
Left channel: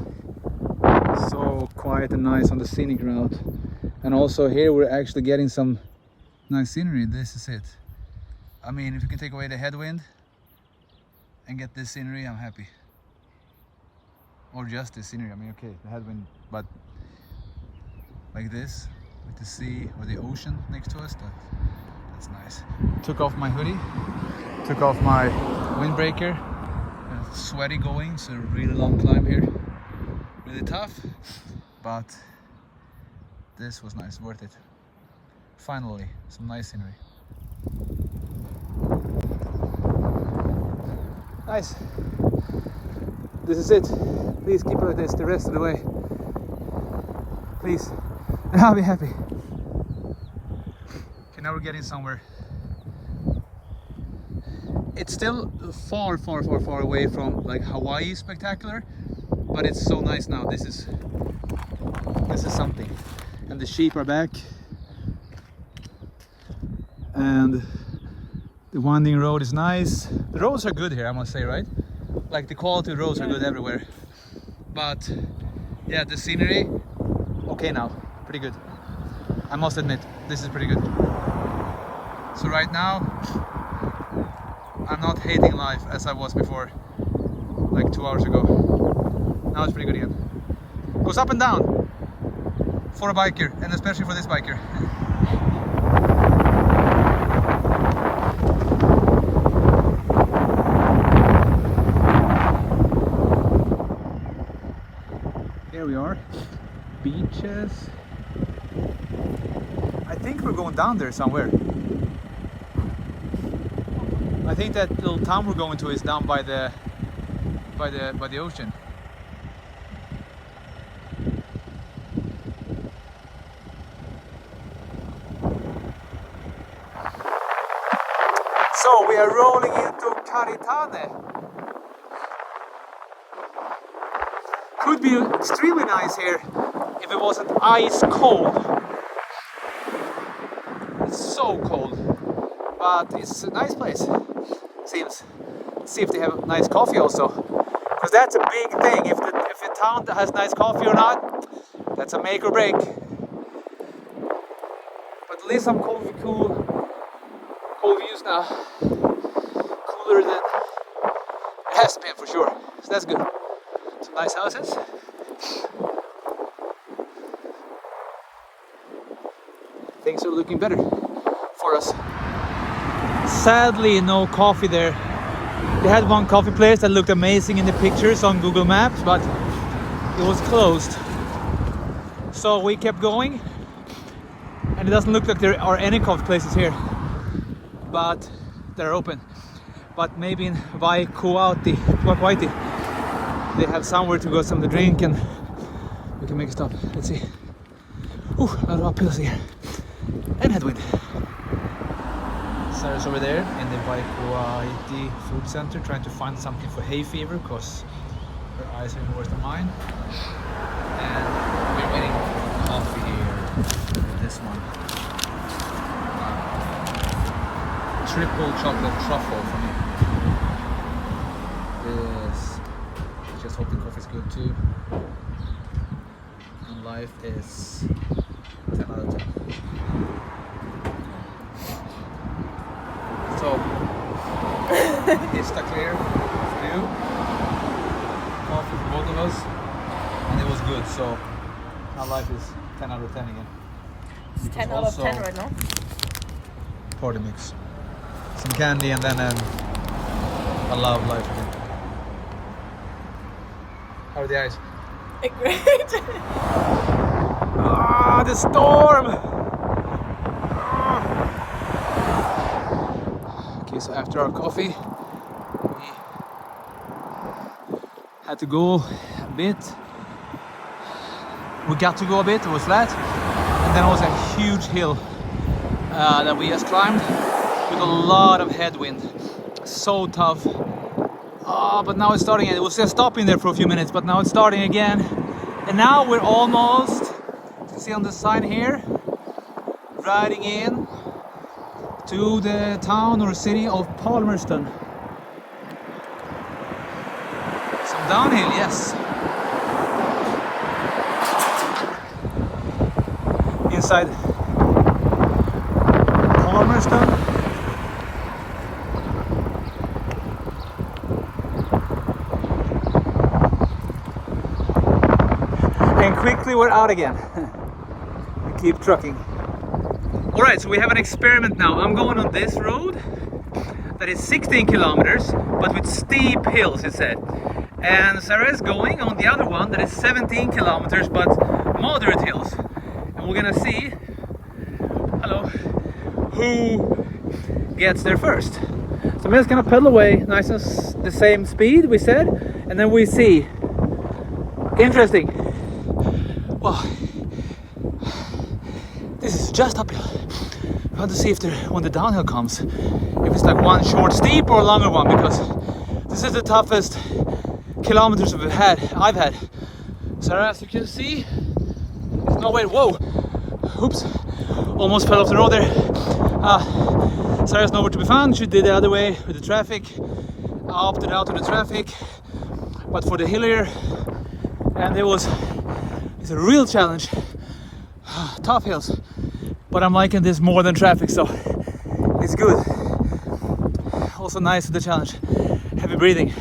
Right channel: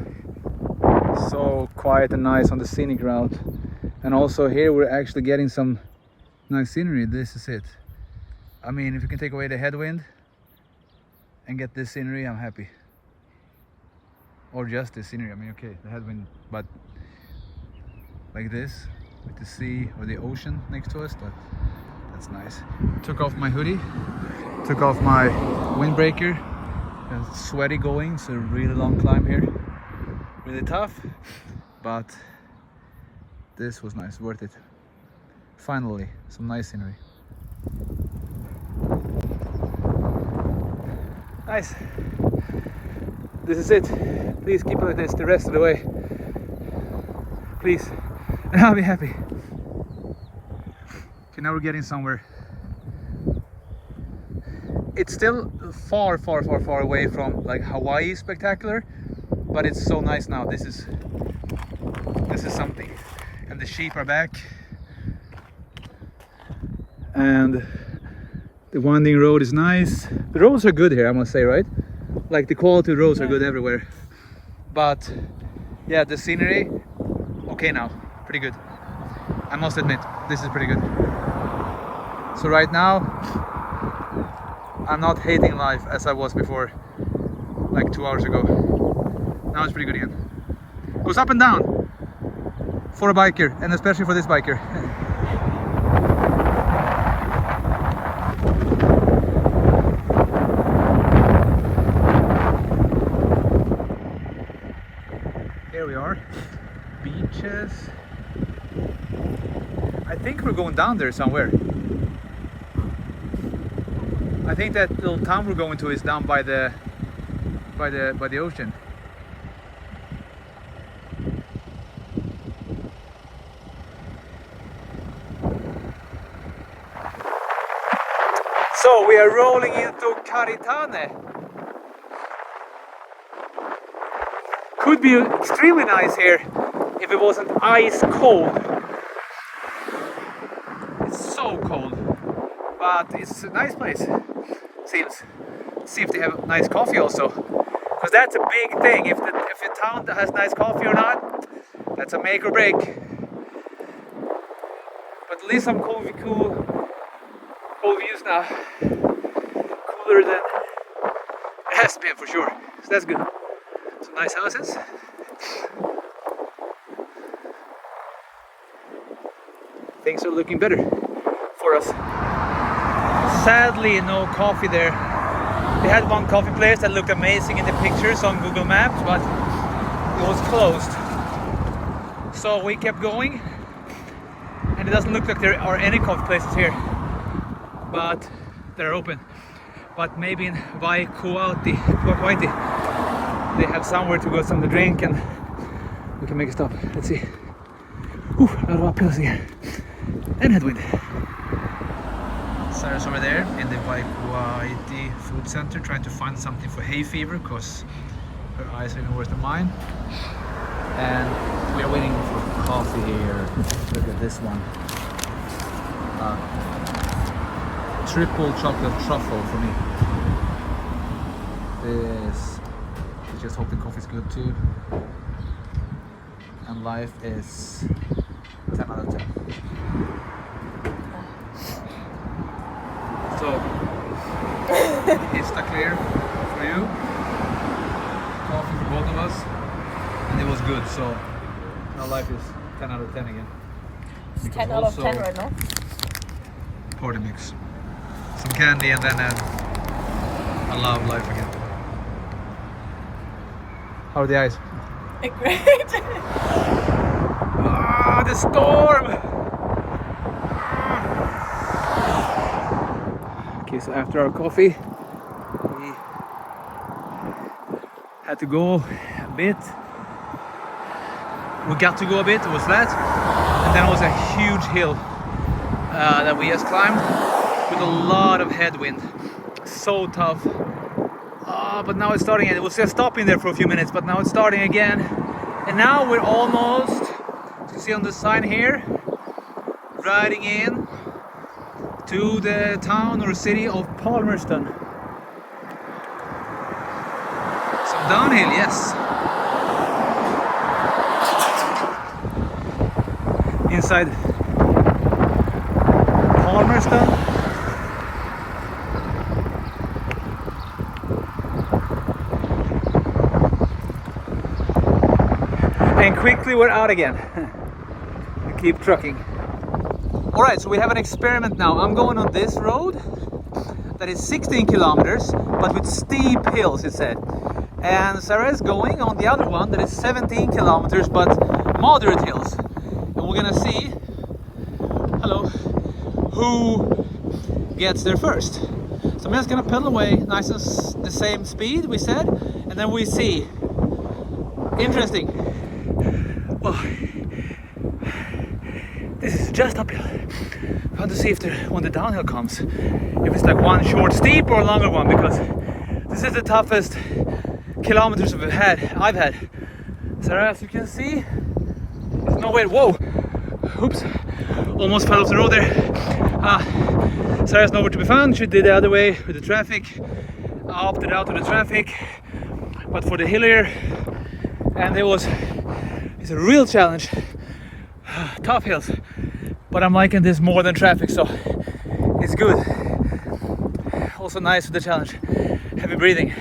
on. So quiet and nice on the Scenic route. And also here we're actually getting some nice scenery. This is it. I mean, if you can take away the headwind and get this scenery, I'm happy. Or just this scenery, I mean, okay, the headwind, but like this, with the sea or the ocean next to us, that's nice. Took off my hoodie, took off my windbreaker. Sweaty going, so really long climb here. Really tough, but this was nice, worth it. Finally, some nice scenery. Nice. This is it. Please keep it like this the rest of the way. Please. And I'll be happy. Okay, now we're getting somewhere. It's still far away from like Hawaii spectacular, but it's so nice now. This is something. And the sheep are back. And the winding road is nice. The roads are good here, I must say, right? Like the quality of roads are good everywhere. But yeah, the scenery, okay now, pretty good. I must admit, this is pretty good. So right now, I'm not hating life as I was before, like 2 hours ago. Now it's pretty good again. Goes up and down for a biker, and especially for this biker. Here we are, beaches. I think we're going down there somewhere. I think that little town we're going to is down by the ocean. So we are rolling into Karitane. Could be extremely nice here if it wasn't ice cold. It's so cold, but it's a nice place. Seems. See if they have nice coffee also, because that's a big thing. If the town has nice coffee or not, that's a make or break. But at least some cool views now. Cooler than it has been for sure. So that's good. Some nice houses. Things are looking better for us. Sadly, no coffee there. They had one coffee place that looked amazing in the pictures on Google Maps, but it was closed. So we kept going, and it doesn't look like there are any coffee places here, but they're open. But maybe in Vaikuaiti, they have somewhere to go something to drink, and we can make a stop. Let's see. Ooh, a lot of uphills here. And headwind. Sarah's over there in the Vaikuaiti food center trying to find something for hay fever because her eyes are even worse than mine. And we're waiting for coffee here. Look at this one. Triple chocolate truffle for me. This, just hope the coffee's good too. And life is 10 out of 10. So, Insta clear for you. Coffee for both of us. And it was good, so now life is 10 out of 10 again. It's 10 out of 10 right now. Party mix. Some candy and then a lot of life again. How are the eyes? Great! Ah, the storm! Okay, so after our coffee, we had to go a bit. We got to go a bit, it was flat. And then it was a huge hill that we just climbed with a lot of headwind. So tough. Oh, but now it's starting again. It was just stopping there for a few minutes, but now it's starting again. And now we're almost see on the sign here, riding in to the town or city of Palmerston. So downhill, yes. Inside Palmerston. And quickly we're out again. Keep trucking. Alright, so we have an experiment now. I'm going on this road that is 16 kilometers, but with steep hills, it said. And Sarah is going on the other one that is 17 kilometers, but moderate hills. And we're gonna see, hello, who gets there first. So I'm just gonna pedal away nice and the same speed we said, and then we see. Interesting. Wow. This is just uphill. I have to see if when the downhill comes, if it's like one short steep or a longer one, because this is the toughest kilometers I've had. So as you can see, there's no way. Whoa! Oops! Almost fell off the road there. Sarah's nowhere to be found. She did the other way with the traffic. I opted out of the traffic, but for the hillier, and it's a real challenge. Tough hills, but I'm liking this more than traffic, so it's good. Also nice with the challenge. Heavy breathing,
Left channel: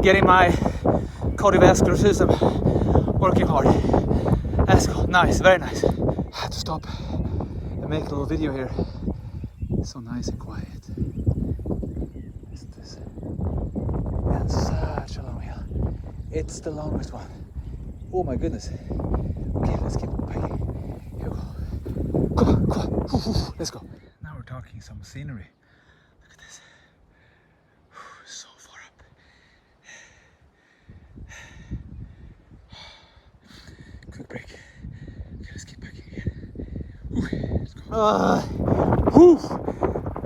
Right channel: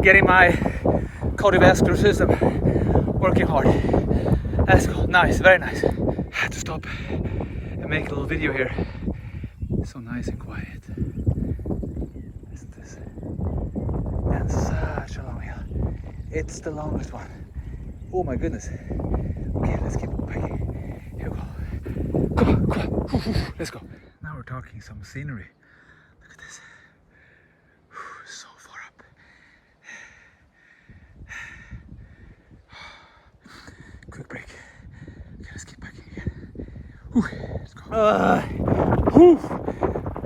getting my cardiovascular system working hard. Let's go. Nice, very nice. Had to stop and make a little video here. So nice and quiet. Isn't this? And such a long hill. It's the longest one. Oh my goodness. Okay, let's keep biking. Here we go. Come on, come on. Let's go. Now we're talking some scenery. Look at this. So far up. Quick break. Okay, let's keep biking again. Let's go.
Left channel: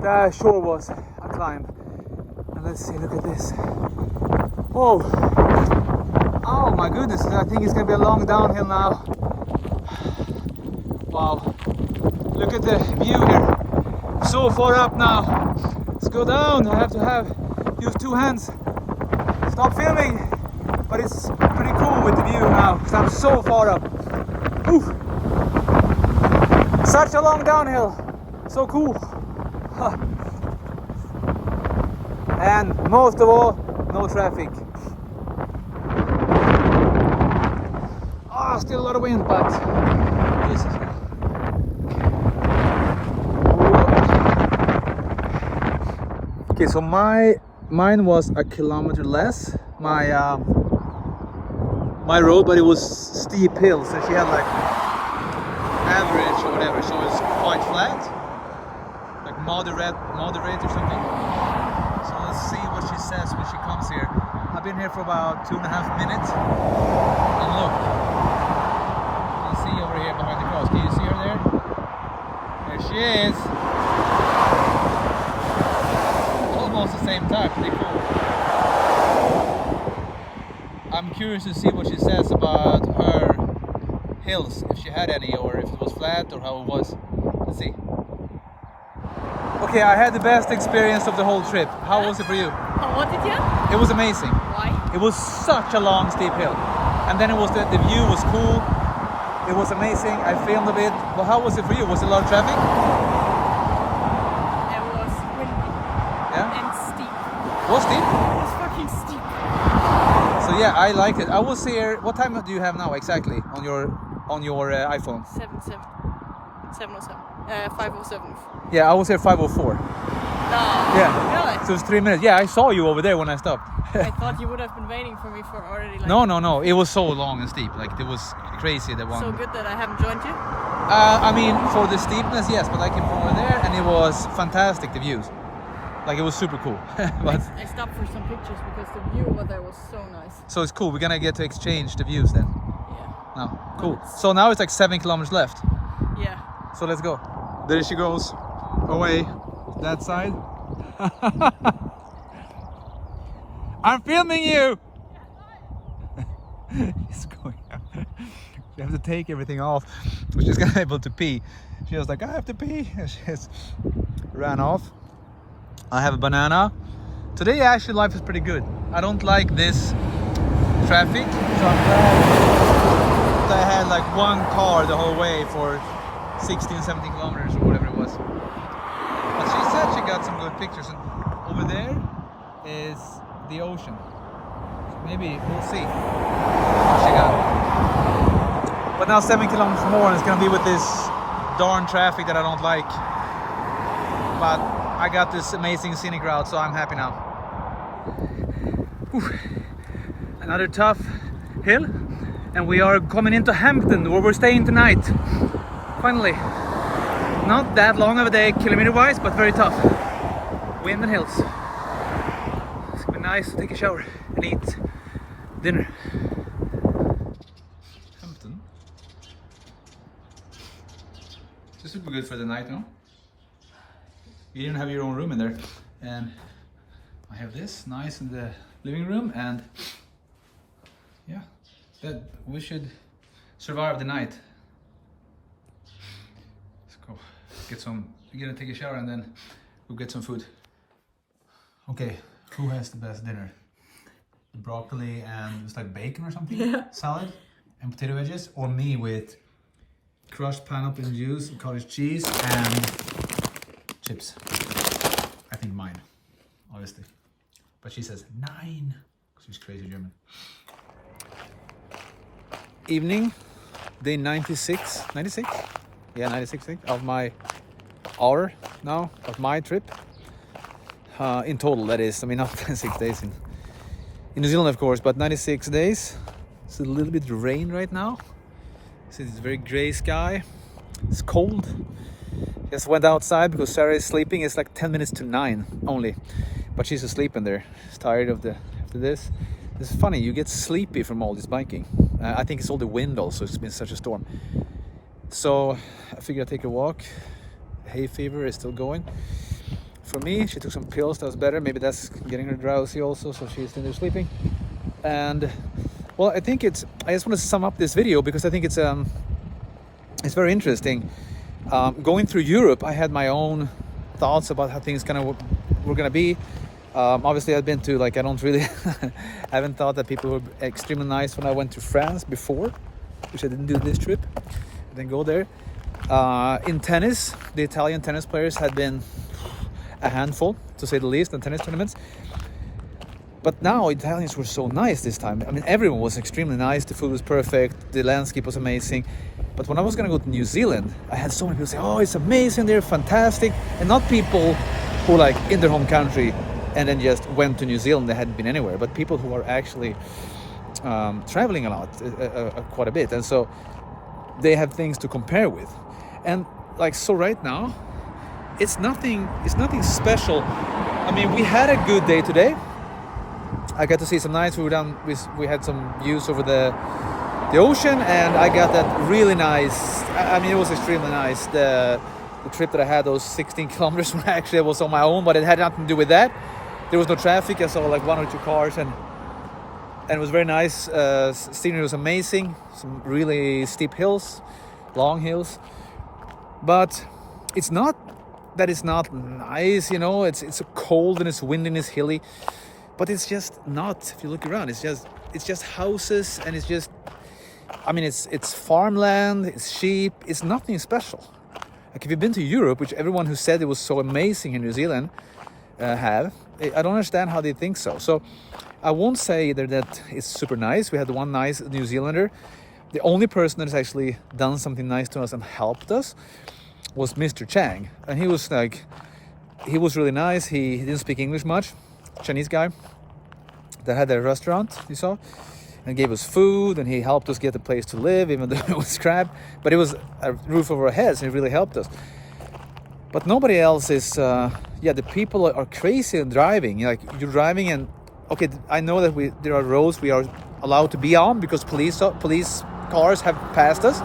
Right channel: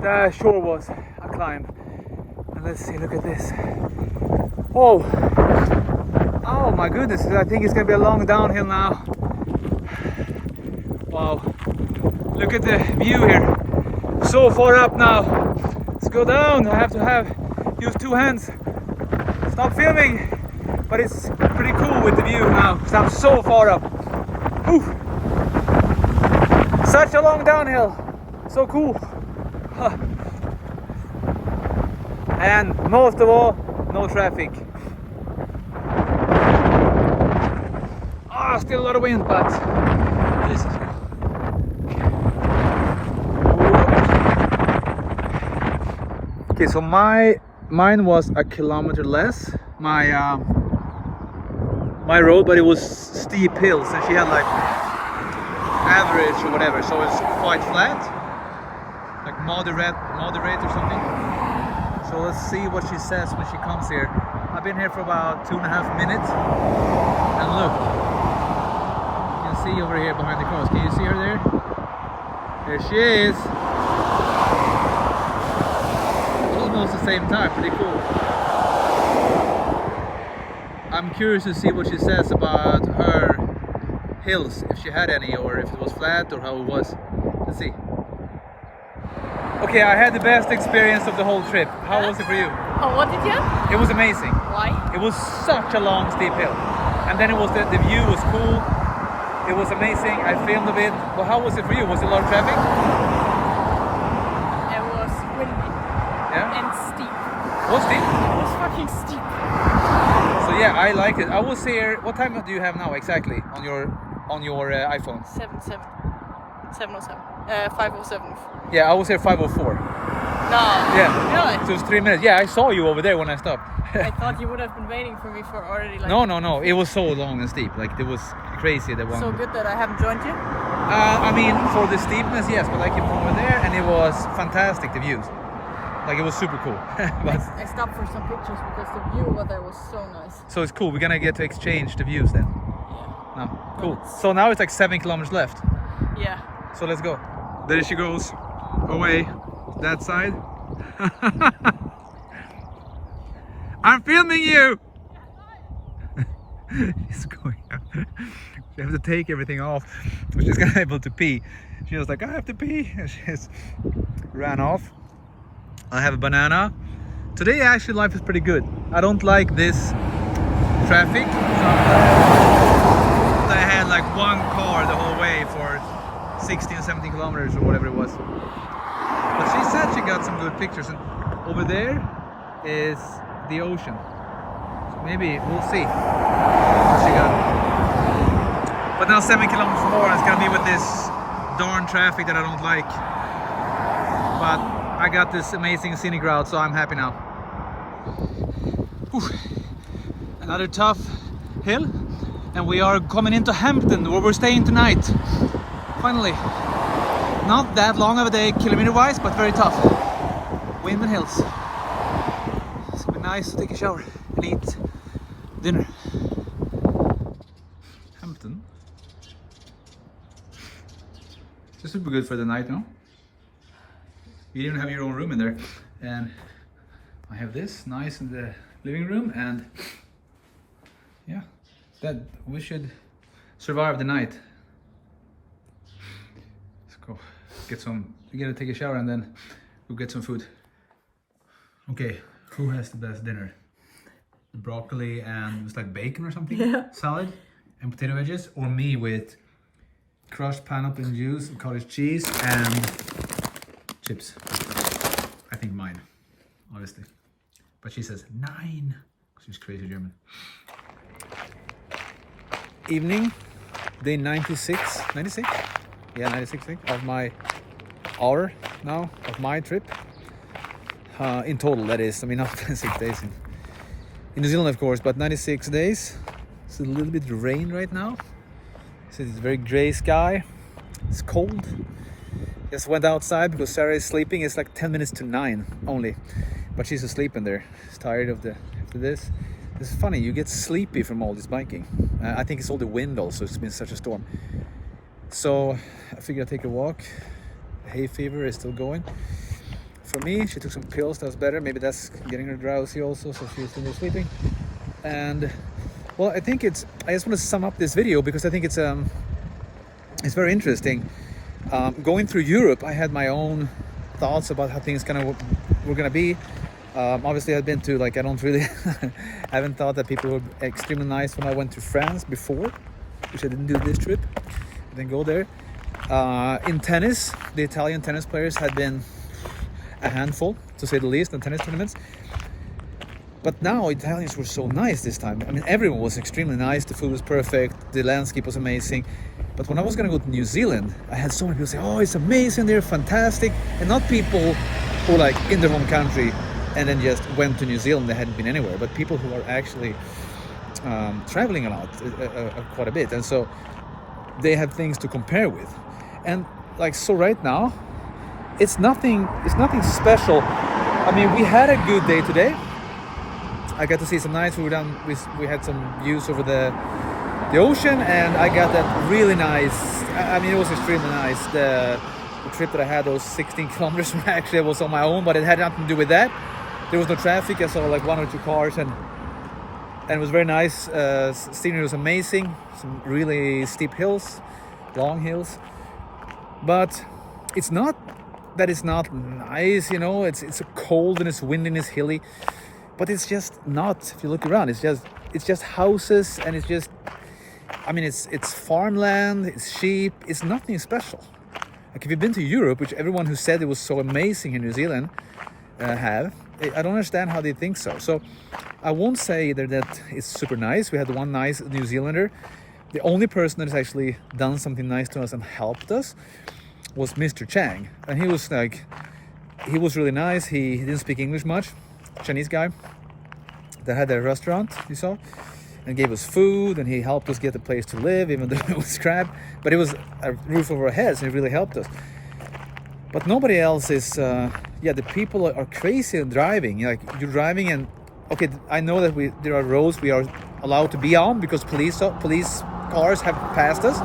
That sure was a climb. And let's see, look at this. Oh! Oh my goodness, I think it's gonna be a long downhill now. Wow. Look at the view here. So far up now. Let's go down. I have to use two hands. Stop filming. But it's pretty cool with the view now. Because I'm so far up. Whew. Such a long downhill. So cool. And most of all, no traffic. Still a lot of wind, but this is good. Okay, so mine was a kilometer less. My road, but it was steep hills, and she had like average or whatever, so it's quite flat, like moderate or something. So let's see what she says when she comes here. I've been here for about 2.5 minutes, and look. See over here behind the cross. Can you see her there? There she is. Almost the same time. Pretty cool. I'm curious to see what she says about her hills, if she had any, or if it was flat, or how it was. Let's see. Okay, I had the best experience of the whole trip. How was it for you? Oh, what did you have? It was amazing. Why? It was such a long, steep hill. And then it was the view was cool. It was amazing. I filmed a bit. Well, how was it for you? Was it a lot of traffic? It was windy. Yeah. And steep. It was steep? It was fucking steep. So yeah, I liked it. I was here. What time do you have now exactly on your iPhone? 707. 507. Yeah, I was here 5:04. No. Yeah. Really? So it was 3 minutes. Yeah, I saw you over there when I stopped. I thought you would have been waiting for me for already like... No. It was so long and steep. Like, it was crazy, the one. So good that I haven't joined you? I mean, for the steepness, yes, but I came from over there and it was fantastic, the views. Like, it was super cool. But, I stopped for some pictures because the view over there was so nice. so it's cool. We're gonna get to exchange the views then. Yeah. No, cool. So now it's like 7 kilometers left. Yeah. So let's go. There she goes. Away. That side. I'm filming you! He's going out. She have to take everything off. She's not able to pee. She was like, I have to pee. And she just ran off. I have a banana. Today actually life is pretty good. I don't like this traffic. I had like one car the whole way for 16, 17 kilometers or whatever it was. But she said she got some good pictures, and over there is the ocean. So maybe we'll see what she got. But now 7 kilometers more, and it's gonna be with this darn traffic that I don't like. But I got this amazing scenic route, so I'm happy now. Whew. Another tough hill, and we are coming into Hampton, where we're staying tonight. Finally, not that long of a day kilometer-wise, but very tough. Wind and hills. It's gonna be nice to take a shower and eat dinner. Hampton. It's super good for the night, no? You even have your own room in there, and I have this nice in the living room, and yeah, that we should survive the night. Let's go get some. We're gonna take a shower and then we'll get some food. Okay, who has the best dinner? Broccoli and it's like bacon or something? Yeah. Salad and potato wedges, or me with crushed pineapple juice, cottage cheese, and chips. I think mine, honestly. But she says 9, because she's crazy German. Evening, day 96? Yeah, 96 of my hour now, of my trip. In total, that is. I mean, not 6 days in New Zealand, of course, but 96 days. It's a little bit rain right now. See, it's a very gray sky. It's cold. Just went outside because Sarah is sleeping. It's like 10 minutes to 9 only, but she's asleep in there. She's tired after this. It's funny, you get sleepy from all this biking. I think it's all the wind also. It's been such a storm. So I figured I'd take a walk. Hay fever is still going. For me, she took some pills, that was better. Maybe that's getting her drowsy also, so she's in there sleeping. And well, I think I just want to sum up this video because I think it's very interesting. Going through Europe, I had my own thoughts about how things were gonna be. Obviously, I've been to, like, I don't really I haven't thought that people were extremely nice when I went to France before, which I didn't do this trip. I didn't go there. In tennis, the Italian tennis players had been a handful, to say the least, in tennis tournaments. But now Italians were so nice this time. I mean, everyone was extremely nice. The food was perfect. The landscape was amazing. But when I was gonna go to New Zealand, I had so many people say, "Oh, it's amazing! They're fantastic," and not people who like in their home country and then just went to New Zealand. They hadn't been anywhere, but people who are actually traveling a lot, quite a bit, and so they have things to compare with. And like, so right now, it's nothing special. I mean, we had a good day today. I got to see some nights. We had some views over the ocean, and I got that really nice. I mean, it was extremely nice. The trip that I had, those 16 kilometers, actually, was on my own, but it had nothing to do with that. There was no traffic. I saw like 1 or 2 cars, and it was very nice. Scenery was amazing. Some really steep hills, long hills, but it's not that it's not nice, you know. It's cold and it's windy and it's hilly, but it's just not. If you look around, it's just houses, and it's just, I mean, it's farmland, it's sheep. It's nothing special. Like, if you've been to Europe, which everyone who said it was so amazing in New Zealand had, I don't understand how they think so. So I won't say either that it's super nice. We had one nice New Zealander. The only person that has actually done something nice to us and helped us was Mr. Chang, and he was really nice. He didn't speak English much. Chinese guy that had a restaurant, you saw, and gave us food, and he helped us get a place to live, even though it was crap. But it was a roof over our heads, and it really helped us. But nobody else is. The people are crazy in driving. Like, you're driving, and okay, I know that there are roads we are allowed to be on because police cars have passed us.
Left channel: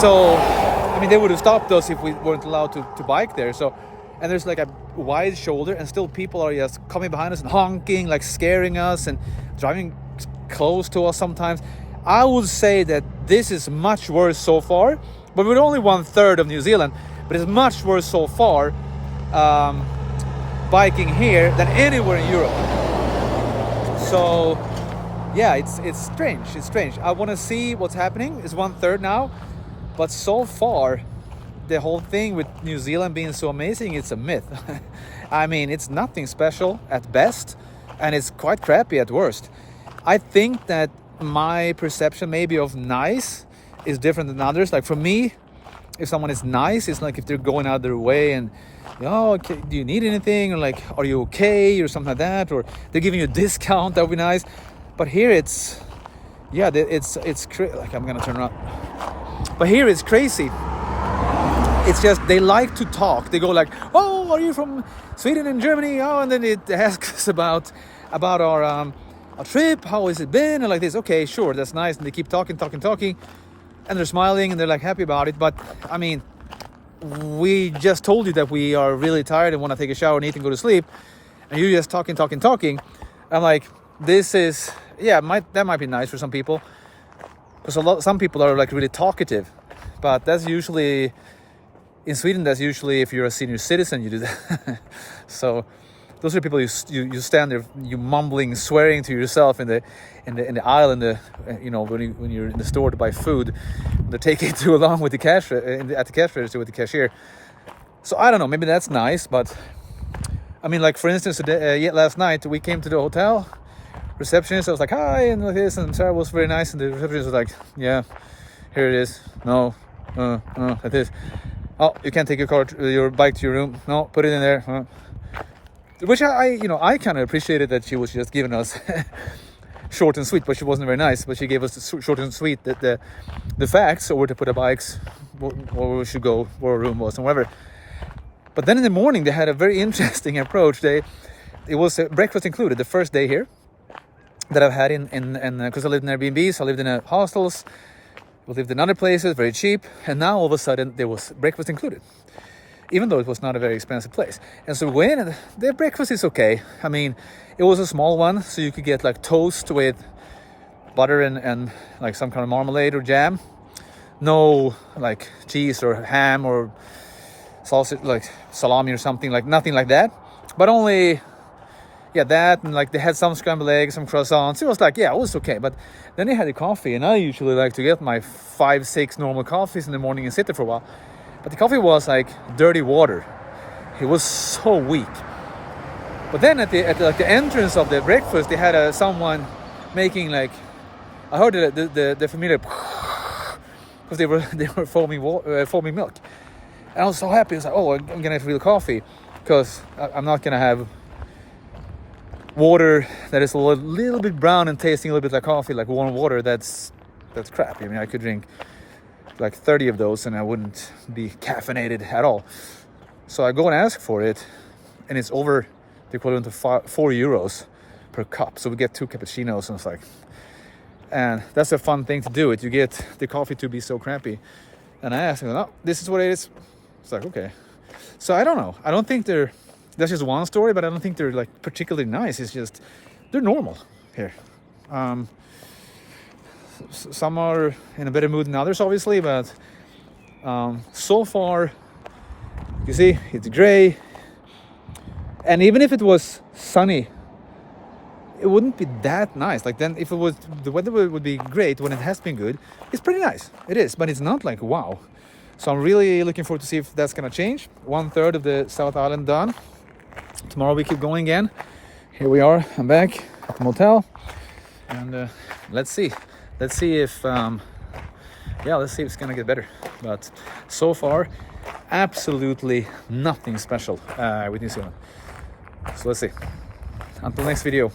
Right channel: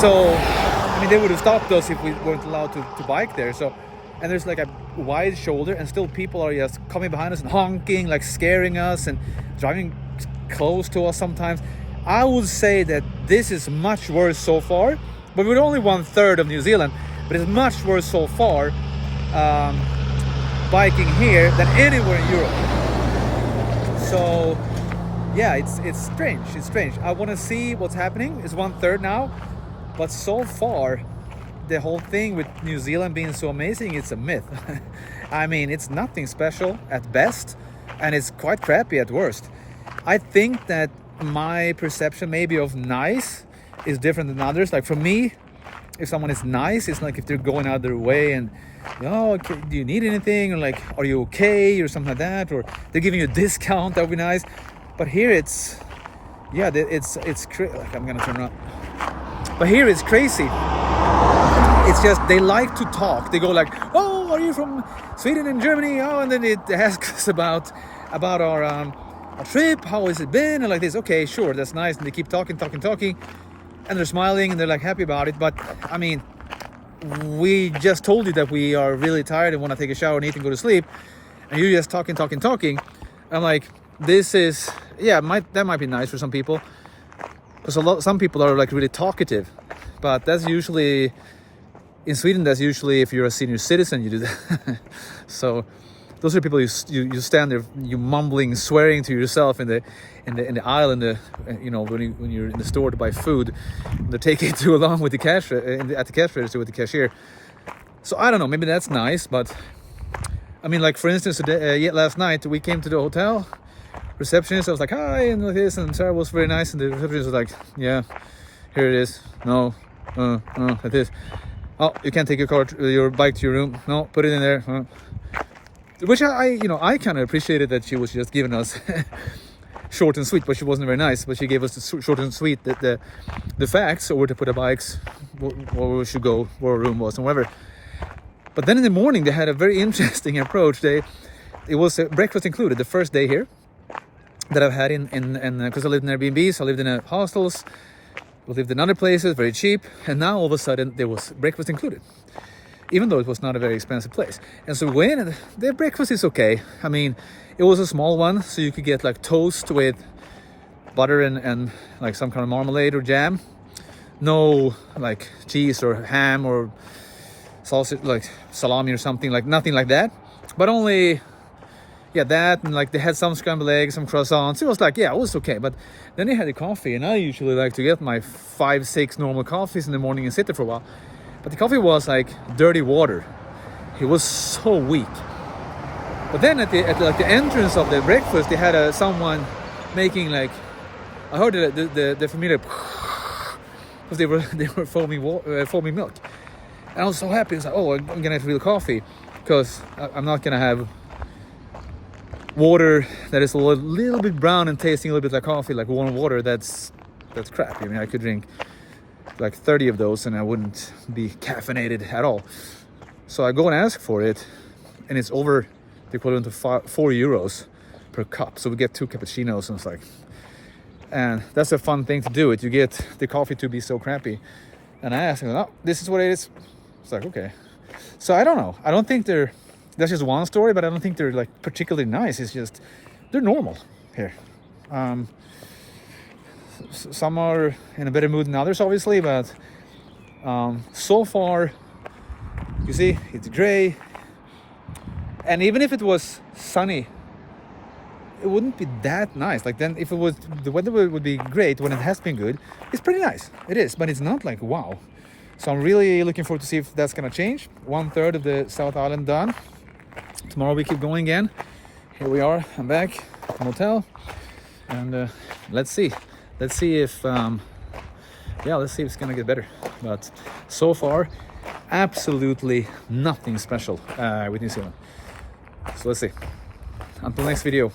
So, I mean, they would have stopped us if we weren't allowed to bike there. So, and there's like a wide shoulder, and still people are just coming behind us and honking, like scaring us and driving close to us sometimes. I would say that this is much worse so far, but we're only 1/3 of New Zealand, but it's much worse so far biking here than anywhere in Europe. So yeah, it's strange. It's strange. I want to see what's happening. It's 1/3 now, but so far the whole thing with New Zealand being so amazing, it's a myth. I mean, it's nothing special at best, and it's quite crappy at worst. I think that my perception maybe of nice is different than others. Like for me, if someone is nice, it's like if they're going out their way and, oh, do you need anything? Or like, are you okay? Or something like that. Or they're giving you a discount, that would be nice. But here it's, yeah, it's like, I'm gonna turn it up. But here it's crazy. It's just, they like to talk. They go like, oh, are you from Sweden and Germany? Oh, and then they ask us about our trip. How has it been? And like this, okay, sure, that's nice. And they keep talking. And they're smiling and they're like happy about it. But I mean, we just told you that we are really tired and want to take a shower and eat and go to sleep. And you're just talking. I'm like, this is, yeah, that might be nice for some people. Because some people are like really talkative. But that's usually, in Sweden, that's usually if you're a senior citizen, you do that. So those are people you stand there, you mumbling, swearing to yourself in the aisle, you know, when you're in the store to buy food. They take it too long with the cash at the cash register with the cashier. So I don't know, maybe that's nice, but I mean, like for instance, last night we came to the hotel. Receptionist, I was like, hi, and like this, and Sarah was very nice, and the receptionist was like, yeah, here it is. No, like this. Oh, you can't take your bike to your room. No, put it in there. Which I kind of appreciated that she was just giving us short and sweet, but she wasn't very nice. But she gave us the short and sweet the facts, or where to put our bikes, where we should go, where our room was, and whatever. But then in the morning, they had a very interesting approach. It was breakfast included the first day here that I've had in because I lived in Airbnbs, I lived in hostels, we lived in other places, very cheap, and now all of a sudden there was breakfast included, even though it was not a very expensive place. And so when their breakfast is okay. I mean, it was a small one, so you could get like toast with butter and like some kind of marmalade or jam. No like cheese or ham or sausage, like salami or something, like nothing like that. But only, yeah, that, and like they had some scrambled eggs, some croissants. It was like, yeah, it was okay. But then they had the coffee, and I usually like to get my 5-6 normal coffees in the morning and sit there for a while. But the coffee was like dirty water. It was so weak. But then at the entrance of the breakfast, they had someone making like, I heard the familiar, because they were foaming milk. And I was so happy. I was like, oh, I'm gonna have real coffee, because I'm not gonna have water that is a little bit brown and tasting a little bit like coffee, like warm water. That's crap. I mean, I could drink like 30 of those and I wouldn't be caffeinated at all. So I go and ask for it, and it's over the equivalent of 4 euros per cup. So we get 2 cappuccinos, and it's like, and that's a fun thing to do. You get the coffee to be so crappy. And I asked them, oh, this is what it is. It's like, okay. So I don't know. I don't think that's just one story, but I don't think they're like particularly nice. It's just, they're normal here. Some are in a better mood than others, obviously, but so far, you see, it's gray. And even if it was sunny, it wouldn't be that nice. Like then if it was, the weather would be great when it has been good. It's pretty nice. It is, but it's not like wow. So I'm really looking forward to see if that's gonna change. 1/3 of the South Island done. Tomorrow we keep going again. Here we are, I'm back at the motel. And let's see if let's see if it's gonna get better. But so far, absolutely nothing special with New Zealand. So let's see. Until next video.